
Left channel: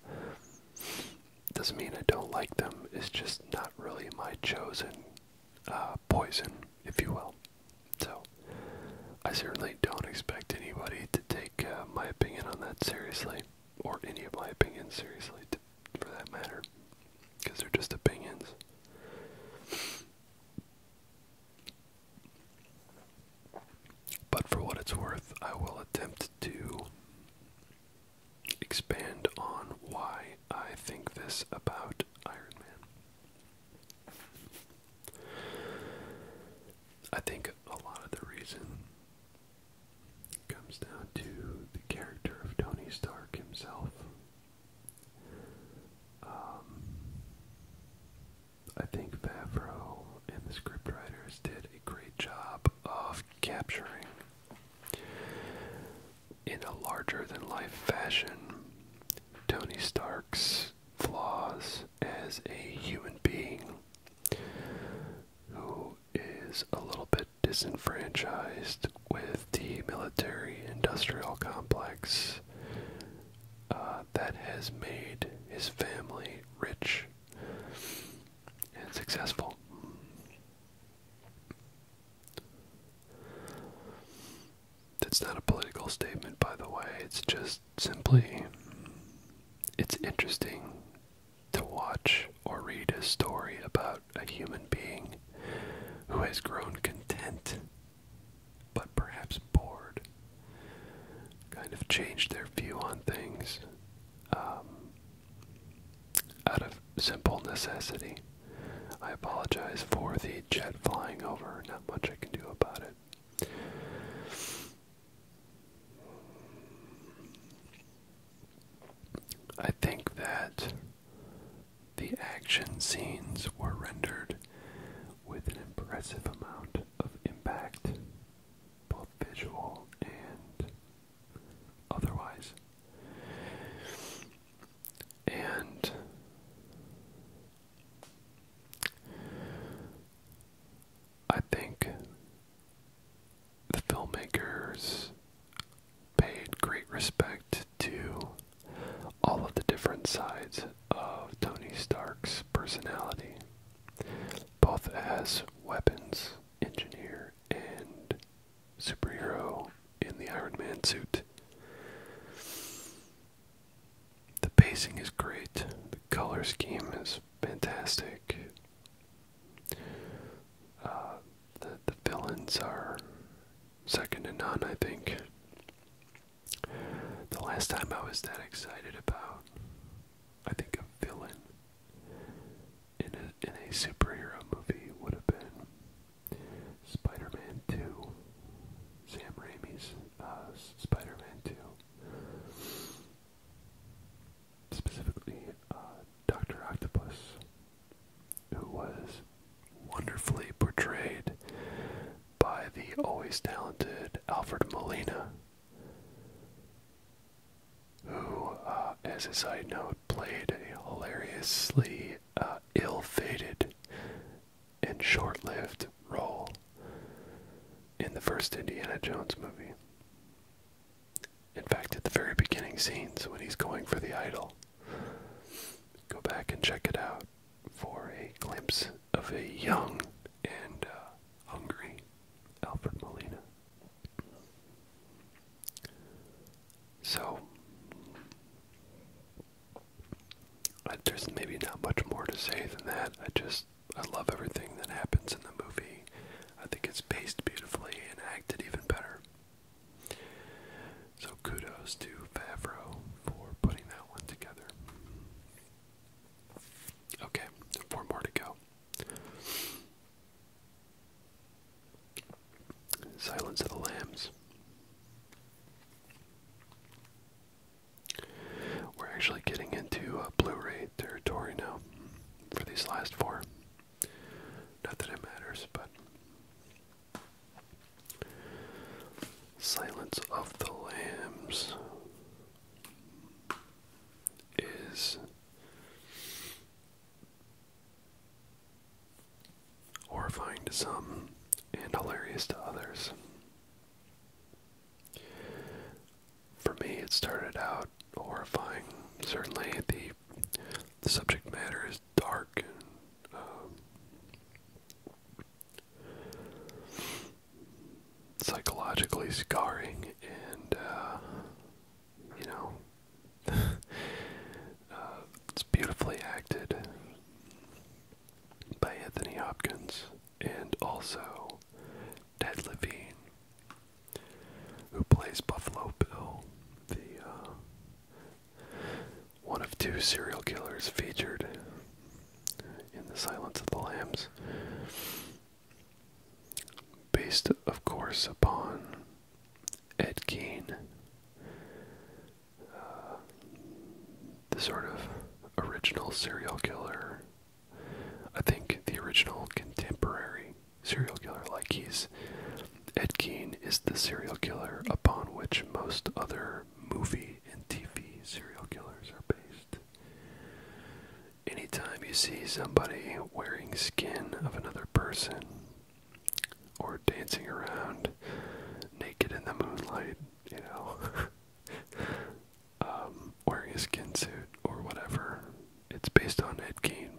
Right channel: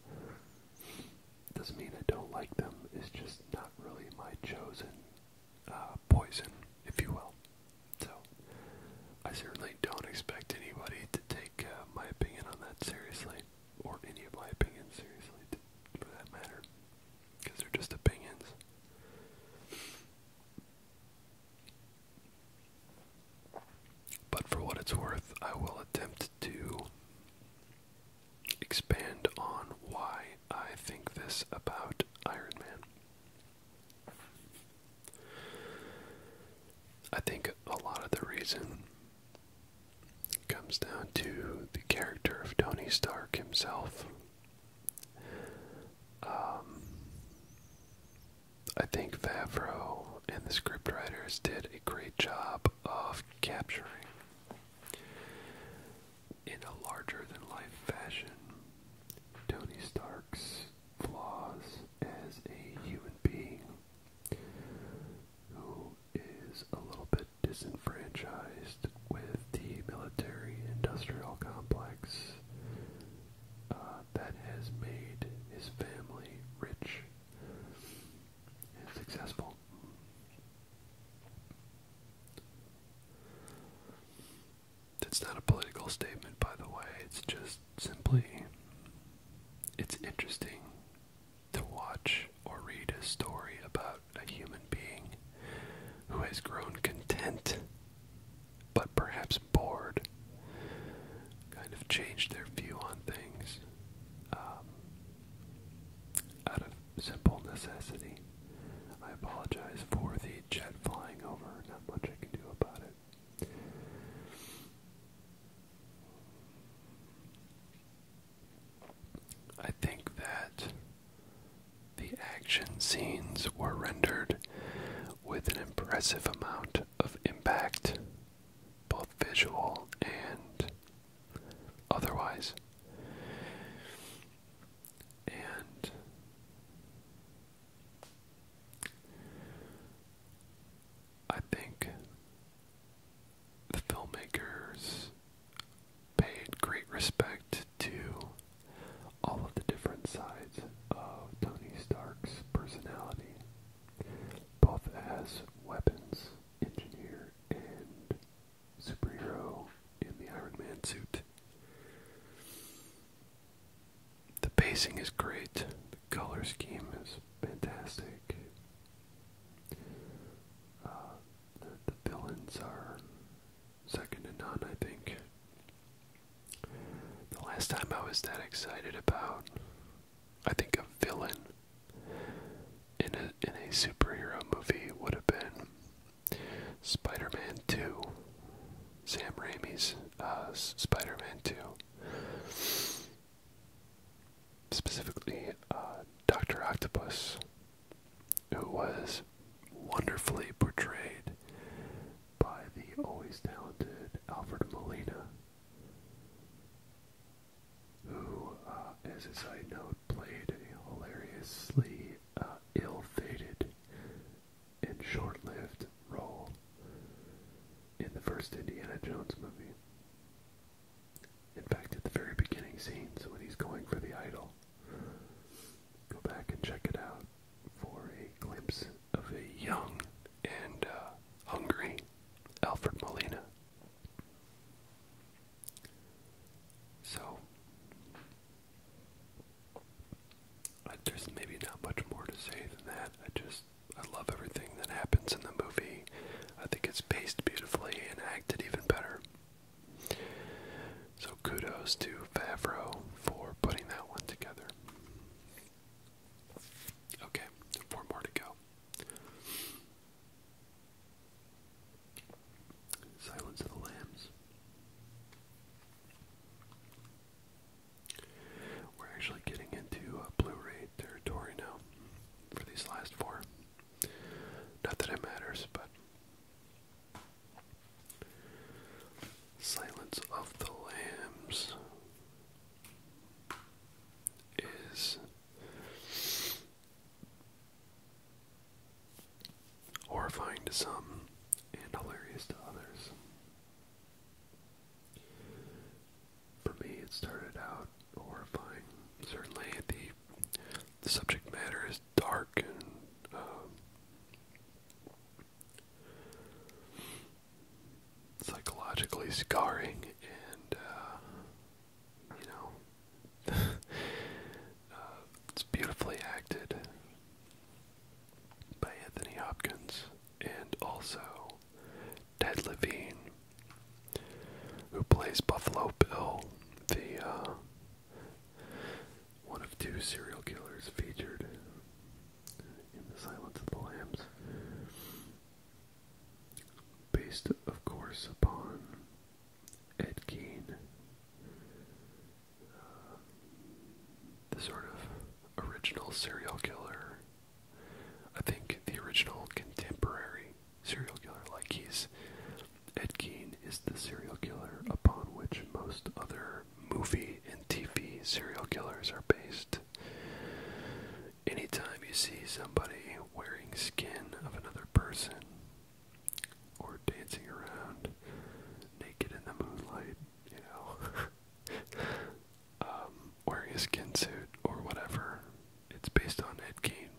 Doesn't mean I don't like them, it's just not really my chosen poison, if you will. So, I certainly don't expect anybody to take my opinion on that seriously, or any of my opinions seriously, for that matter, because they're just opinions. But for what it's worth, I will attempt to expand on why I think this about Iron Man. I think a lot of the reason comes down to the character of Tony Stark himself. I think Favreau and the scriptwriters did a great job of capturing, in a larger-than-life fashion, Tony Stark's flaws as a human being who is a little bit disenfranchised with the military-industrial complex that has made his family rich and successful. That's not a political statement, by the way. It's just simply, it's interesting to watch or read a story about a human being who has grown content, but perhaps bored, kind of changed their view on things out of simple necessity. I apologize for the jet flying over. Not much I can do about it. I think that the action scenes were rendered with an impressive amount of impact, both visual and otherwise. And I think the filmmakers paid great respect to all of the different sides of Tony Stark's personality, both as weapons engineer and pacing is great. The color scheme is fantastic. The villains are second to none, I think. The last time I was that excited about, I think, a villain in a superhero movie would have been Spider-Man 2. Sam Raimi's Spider-Man 2. Specifically, Dr. Octopus, who was wonderfully portrayed by the always talented Alfred Molina, who, as a side note, played a hilariously ill-fated and short-lived role in the first Indiana Jones movie. In fact, at the very beginning scenes, when he's going for the idol, go back and check it out for a glimpse of a young and hungry Alfred Molina. So, there's maybe not much more to say than that. I love everything that happens in the movie. I think it's paced beautifully and acted even better. So kudos to Favreau for putting that one together. Okay, 4 more to go. Silence of the Lambs. We're actually getting into Blu-ray territory now for these last 4. Not that it matters, but Silence of the Lambs is horrifying to some and hilarious to others. For me, it started out horrifying. Certainly, the subject matter is dark and psychologically scarring, and it's beautifully acted by Anthony Hopkins and also Ted Levine, who plays Buffalo Bill, the one of 2 serial killers featured in The Silence of the Lambs. Based, of course, upon Ed Gein, the sort of original serial killer. I think the original contemporary serial killer, Ed Gein is the serial killer upon which most other movie and TV serial killers are based. Anytime you see somebody wearing skin of another person, or dancing around naked in the moonlight, wearing a skin suit or whatever, it's based on Ed Gein.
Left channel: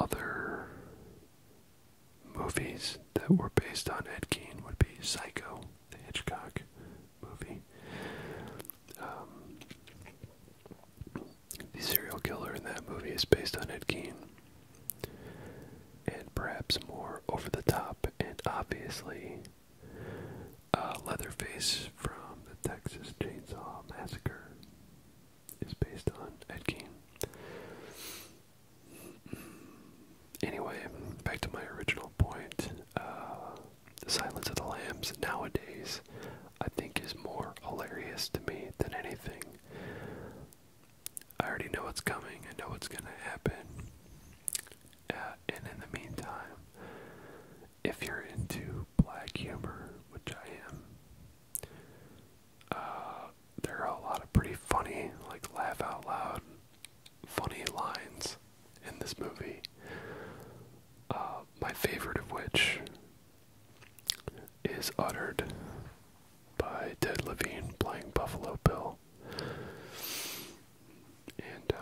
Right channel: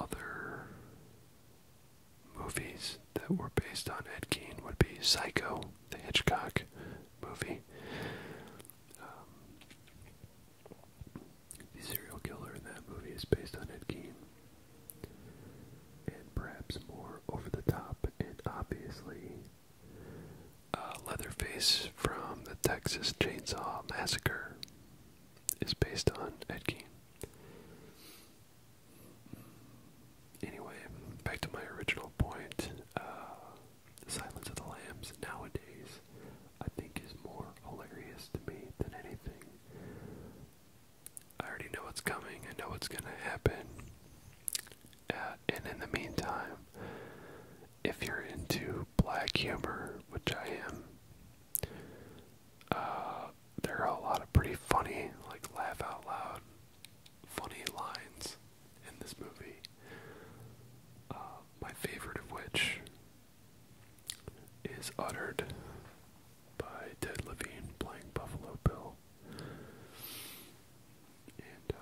Other movies that were based on Ed Gein would be Psycho, the Hitchcock movie. The serial killer in that movie is based on Ed Gein. And perhaps more over the top, and obviously Leatherface from the Texas Chainsaw Massacre is based on Ed Gein. Anyway, back to my original point. The Silence of the Lambs nowadays, I think, is more hilarious to me than anything. I already know what's coming. I know what's going to happen. And in the meantime, if you're into black humor, which I am, there are a lot of pretty funny, laugh out loud, funny lines in this movie. My favorite of which is uttered by Ted Levine playing Buffalo Bill. And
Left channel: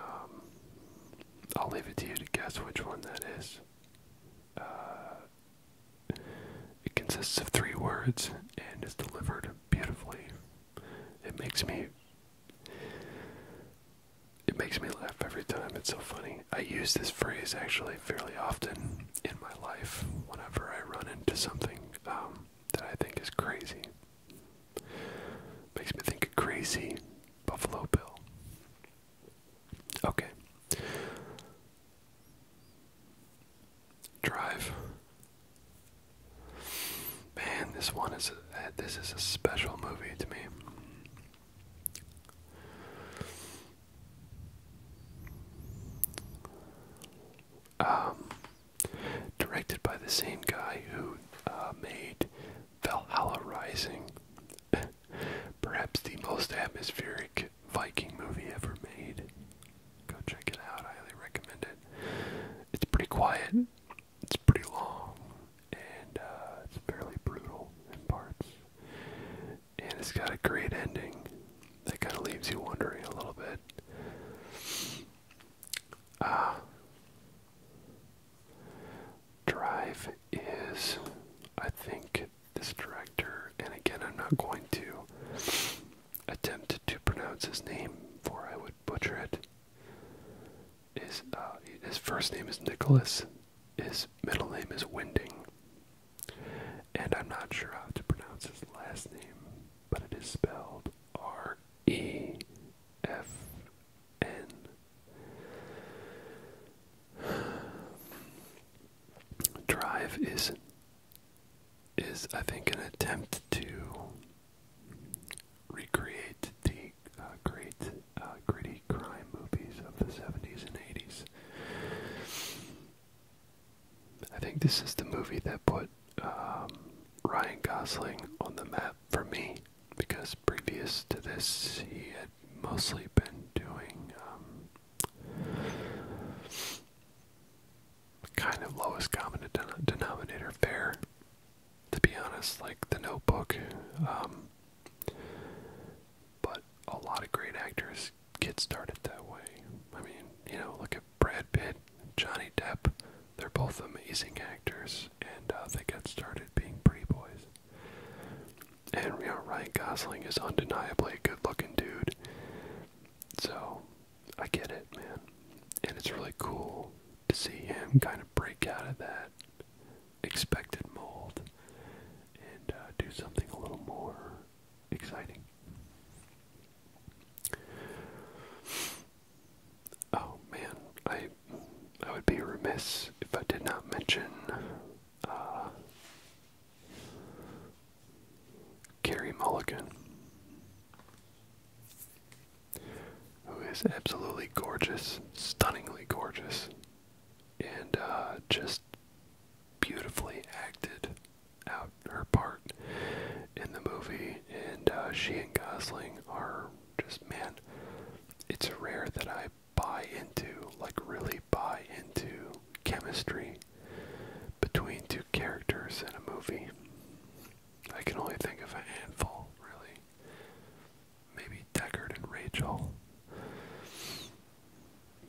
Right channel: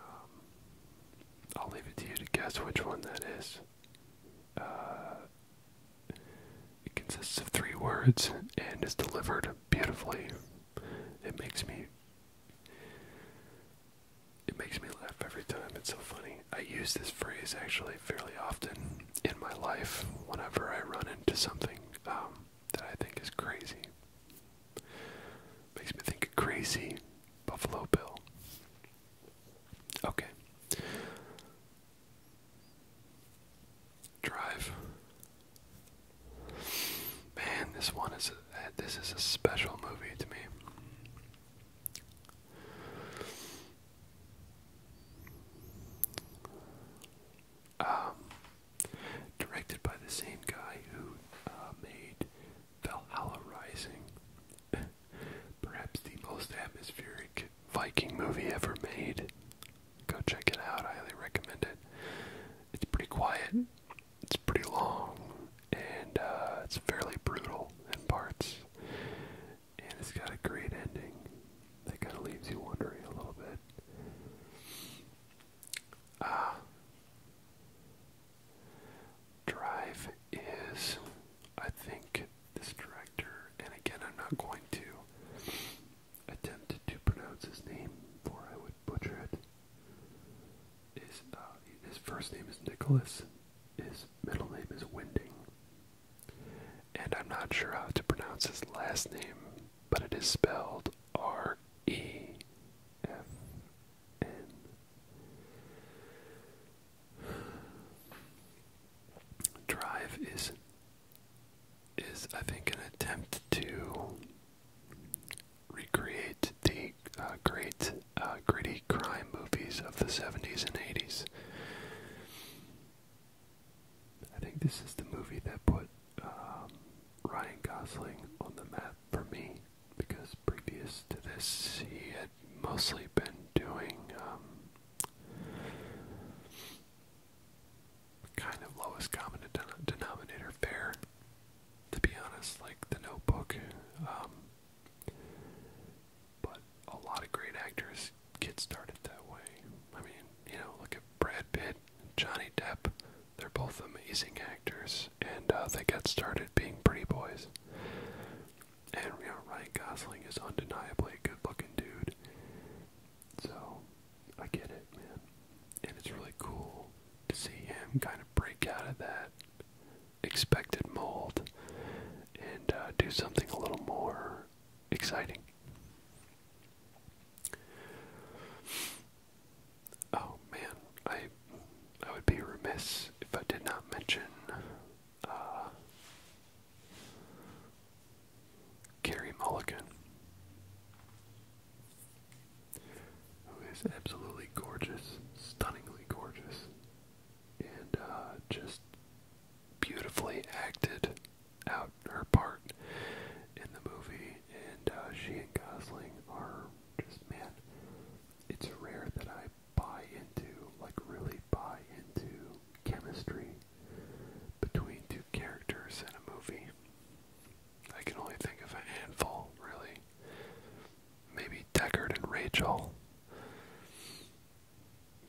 I'll leave it to you to guess which one that is. It consists of 3 words and is delivered beautifully. It it makes me laugh every time. It's so funny. I use this phrase actually fairly often in my life whenever I run into something that I think is crazy. Makes me think of Crazy Buffalo Bill. Okay. Drive. Man, this is a special movie to me. Directed by the same guy who made Valhalla Rising, perhaps the most atmospheric Viking movie ever made. Go check it out. I highly recommend it. It's pretty quiet. It's pretty long, and it's fairly brutal in parts. And it's got a great ending that kind of leaves you wondering a little bit. Drive is, I think, this director, and again, I'm not going to attempt to pronounce his name, for I would butcher it. His first name is Nicholas. His middle name is Winding. And I'm not sure how to pronounce his last name, but it is spelled R-E-F-N. Drive is I think an attempt to recreate the great gritty crime movies of the 70s and 80s. I think this is the movie that put Ryan Gosling on the map for me, because previous to this he had mostly been doing kind of lowest common denominator fare, to be honest, like The Notebook. But a lot of great actors get started that way. I mean, look at Brad Pitt and Johnny Depp. They're both amazing actors, and they got started being pretty boys. And, Ryan Gosling is undeniably a good-looking dude. So, I get it, man. And it's really cool to see him kind of break out of that expected mold and do something a little more exciting. Oh man, I would be remiss if I did not mention Carey Mulligan, who is absolutely gorgeous, stunningly gorgeous, and just beautifully acted out her part in the movie. And she and Gosling are just, man, it's rare that I really buy into chemistry between two characters in a movie. I can only think of a handful, really. Maybe Deckard and Rachel.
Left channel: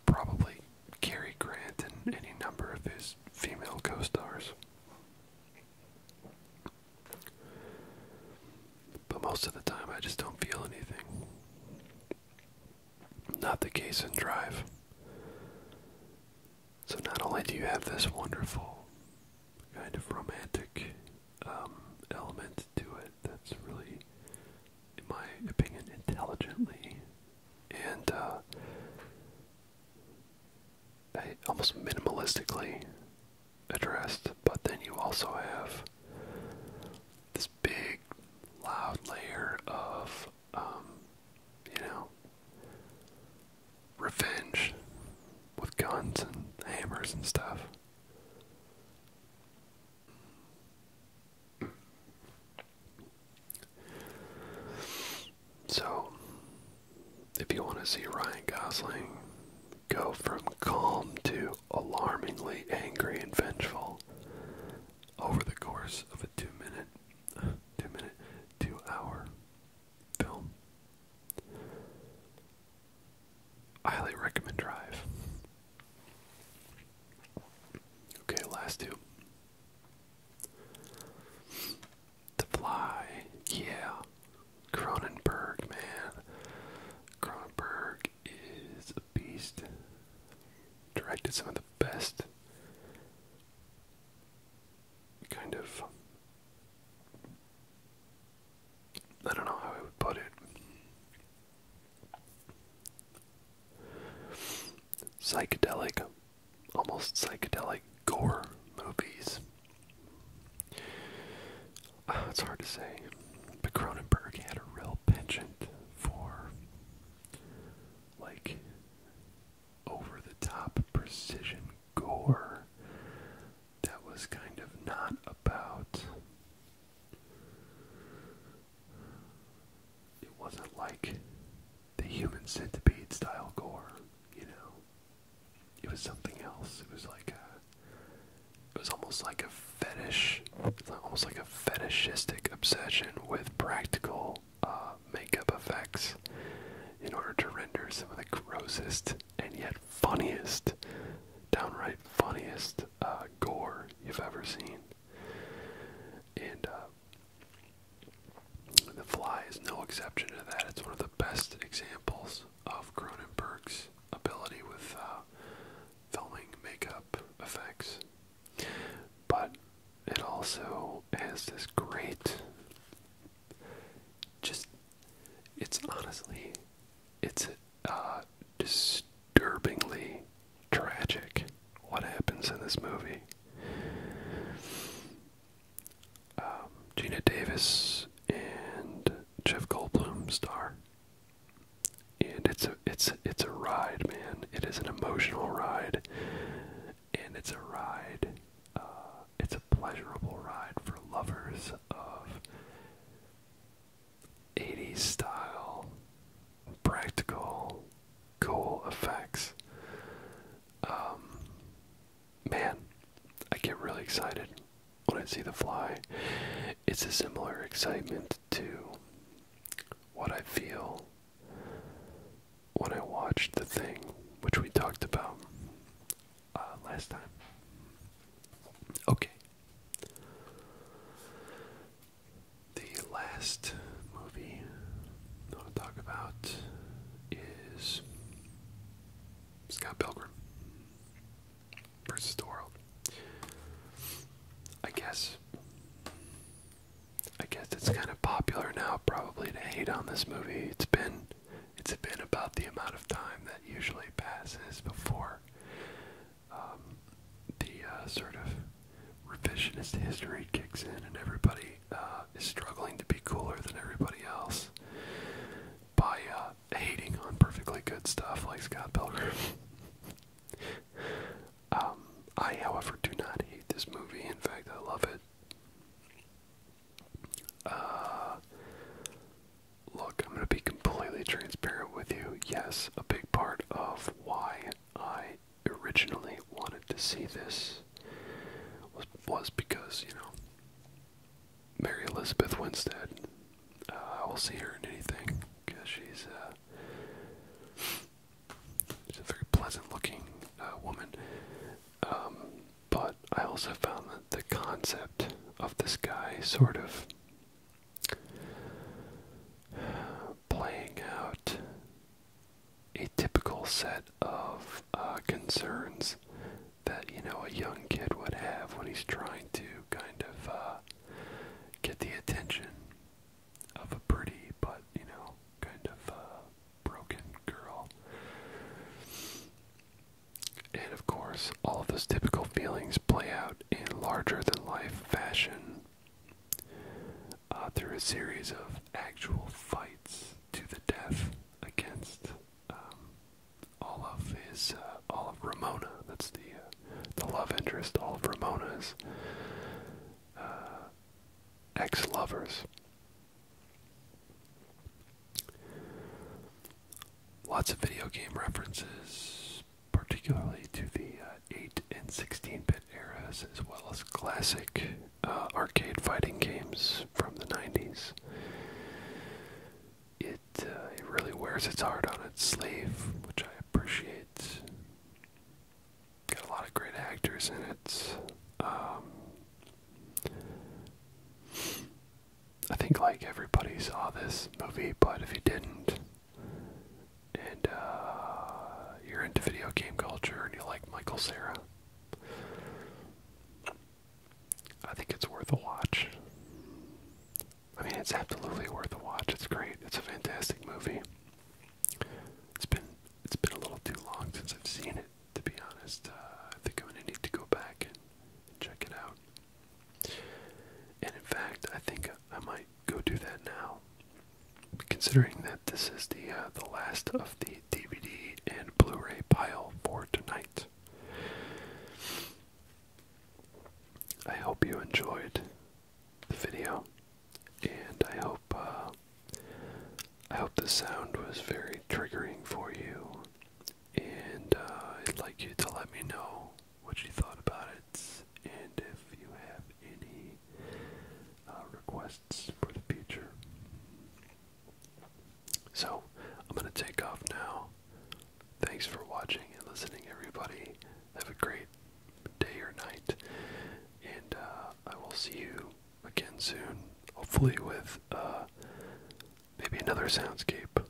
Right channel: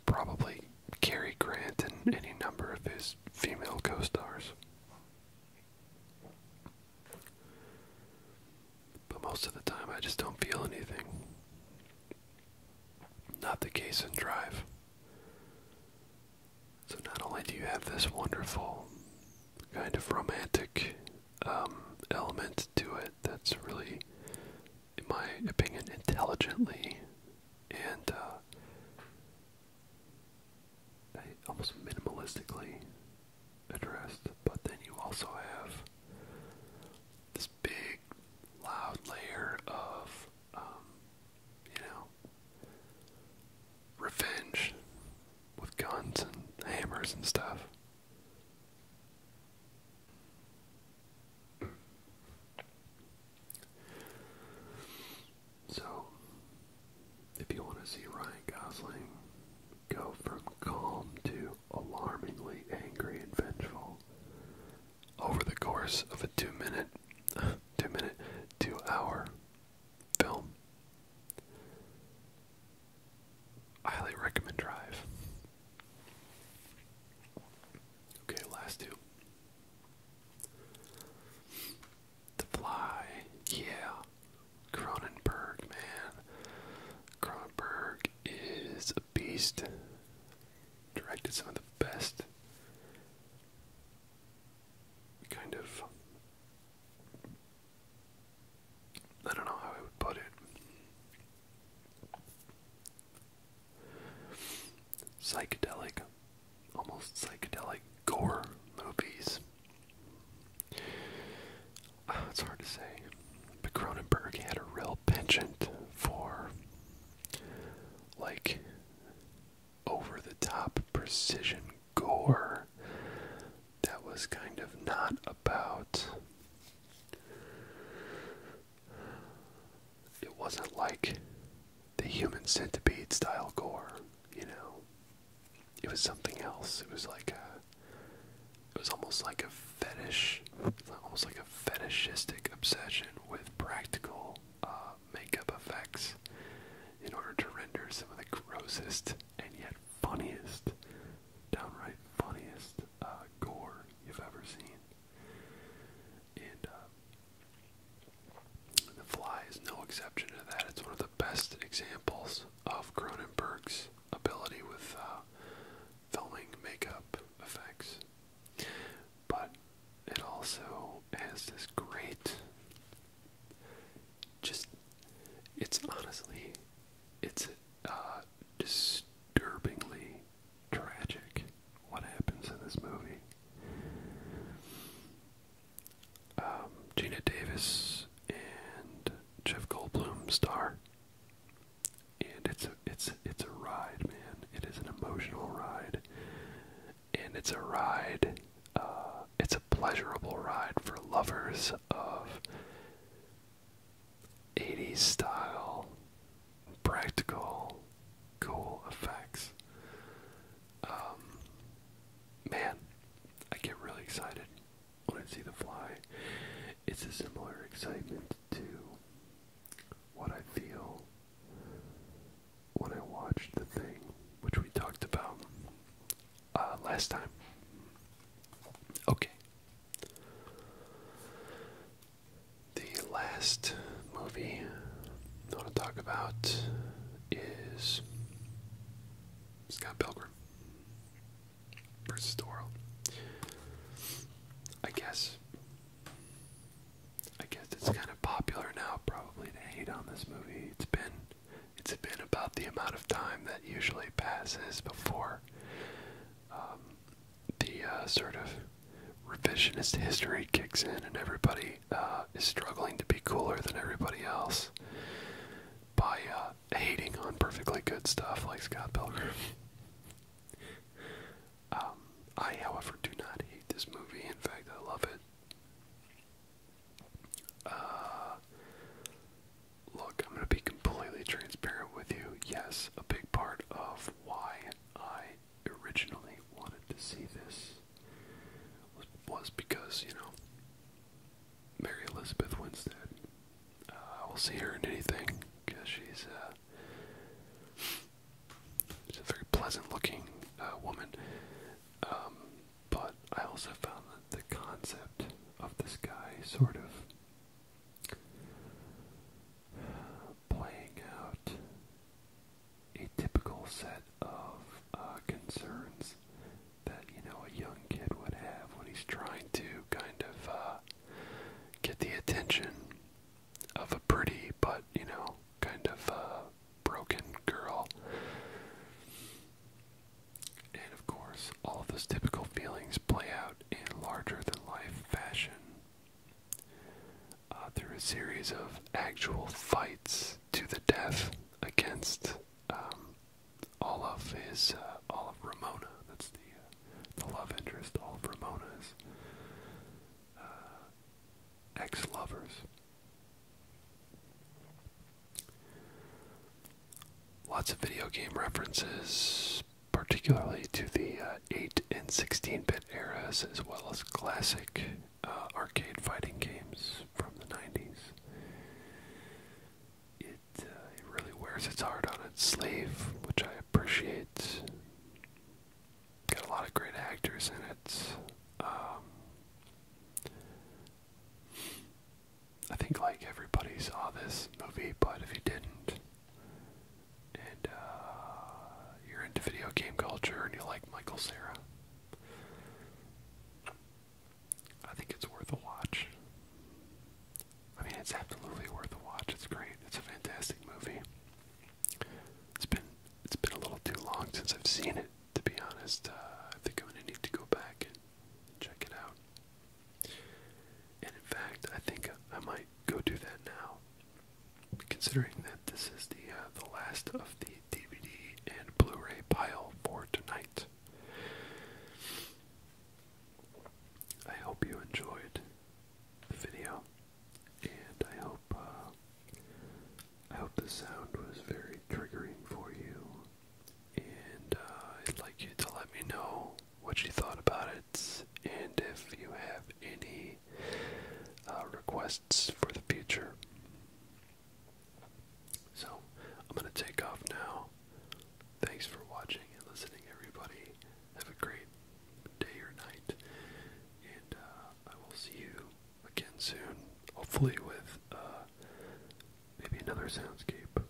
Probably Cary Grant and any number of his female co-stars. But most of the time I just don't feel anything. Not the case in Drive. So not only do you have this wonderful kind of romantic element to it that's really, in my opinion, intelligently and almost minimalistically addressed, but then you also have this big, loud layer of, revenge with guns and hammers and stuff. So, if you want to see Ryan Gosling go from calm to alarmingly angry and vengeful over the course of a 2-hour film, I highly recommend Drive. Okay, last two. The Fly, yeah. Cronenberg, man. beast. Directed some of the best kind of, I don't know how I would put it, psychedelic, almost psychedelic gore movies. It's hard to say, but Cronenberg had a real penchant for, like, over-the-top precision gore that was kind of not about, it wasn't like the Human Centipede style gore, you know. It was something else. It was like it was almost like a fetish, almost like a fetishistic obsession with practical makeup effects in order to render some of the grossest and yet funniest, downright funniest gore you've ever seen. And The Fly is no exception to that. It's one of the best examples of Cronenberg's ability with filming makeup effects. But it also has this great, it's honestly, it's disturbingly tragic what happens in this movie. Gina Davis and Jeff Goldblum star, and it's a ride, man. It is an emotional ride, and it's a ride. It's a pleasurable ride for lovers of 80s style, practical, cool effects. Man, I get really excited when I see The Fly. It's a similar excitement to what I feel when I watched The Thing, which we talked about last time. Okay. The last movie I want to talk about is Scott Pilgrim versus the World. I guess it's kind of popular now, probably, to hate on this movie. It's been about the amount of time that usually passes before the sort of revisionist history kicks in, and everybody is struggling to be cooler than everybody else by hating on perfectly good stuff like Scott Pilgrim. I, however, do not hate this movie. In fact, I love it. Look, I'm going to be completely transparent with you. Yes, a big part of why I originally wanted to see this was because, you know, Mary Elizabeth Winstead. I will see her in anything because she's a very pleasant-looking woman. But I also found that the concept of this guy sort of playing out a typical set of concerns that, you know, a young kid would have when he's trying to kind of get the attention of a pretty but, you know, kind of broken girl. And of course, all of those typical feelings play out in larger-than-life fashion through a series of actual fights to the death against all of Ramona. That's the love interest. All of Ramona's ex-lovers. Lots of video game references, particularly to the 8 and 16-bit eras, as well as classic arcade fighting games from the 90s. It really wears its heart on its sleeve, which I appreciate. Got a lot of great actors in it. I think like everybody saw this movie, but if you didn't, and you're into Tingle, Sarah. I think it's worth a watch. I mean, it's absolutely worth a watch. It's great. It's a fantastic movie. It's been a little too long since I've seen it, to be honest. I think I'm gonna need to go back and check it out. And in fact, I think I might go do that now, considering that this is the last of the DVD and Blu-ray pile for tonight. I hope you enjoyed the video, and I hope the sound was very triggering for you, and I'd like you to let me know what you thought about it, and if you have any requests for the future. So, I'm going to take off now. Thanks for watching and listening, everybody. Have a great day or night, and I will see you again soon, hopefully with maybe another soundscape.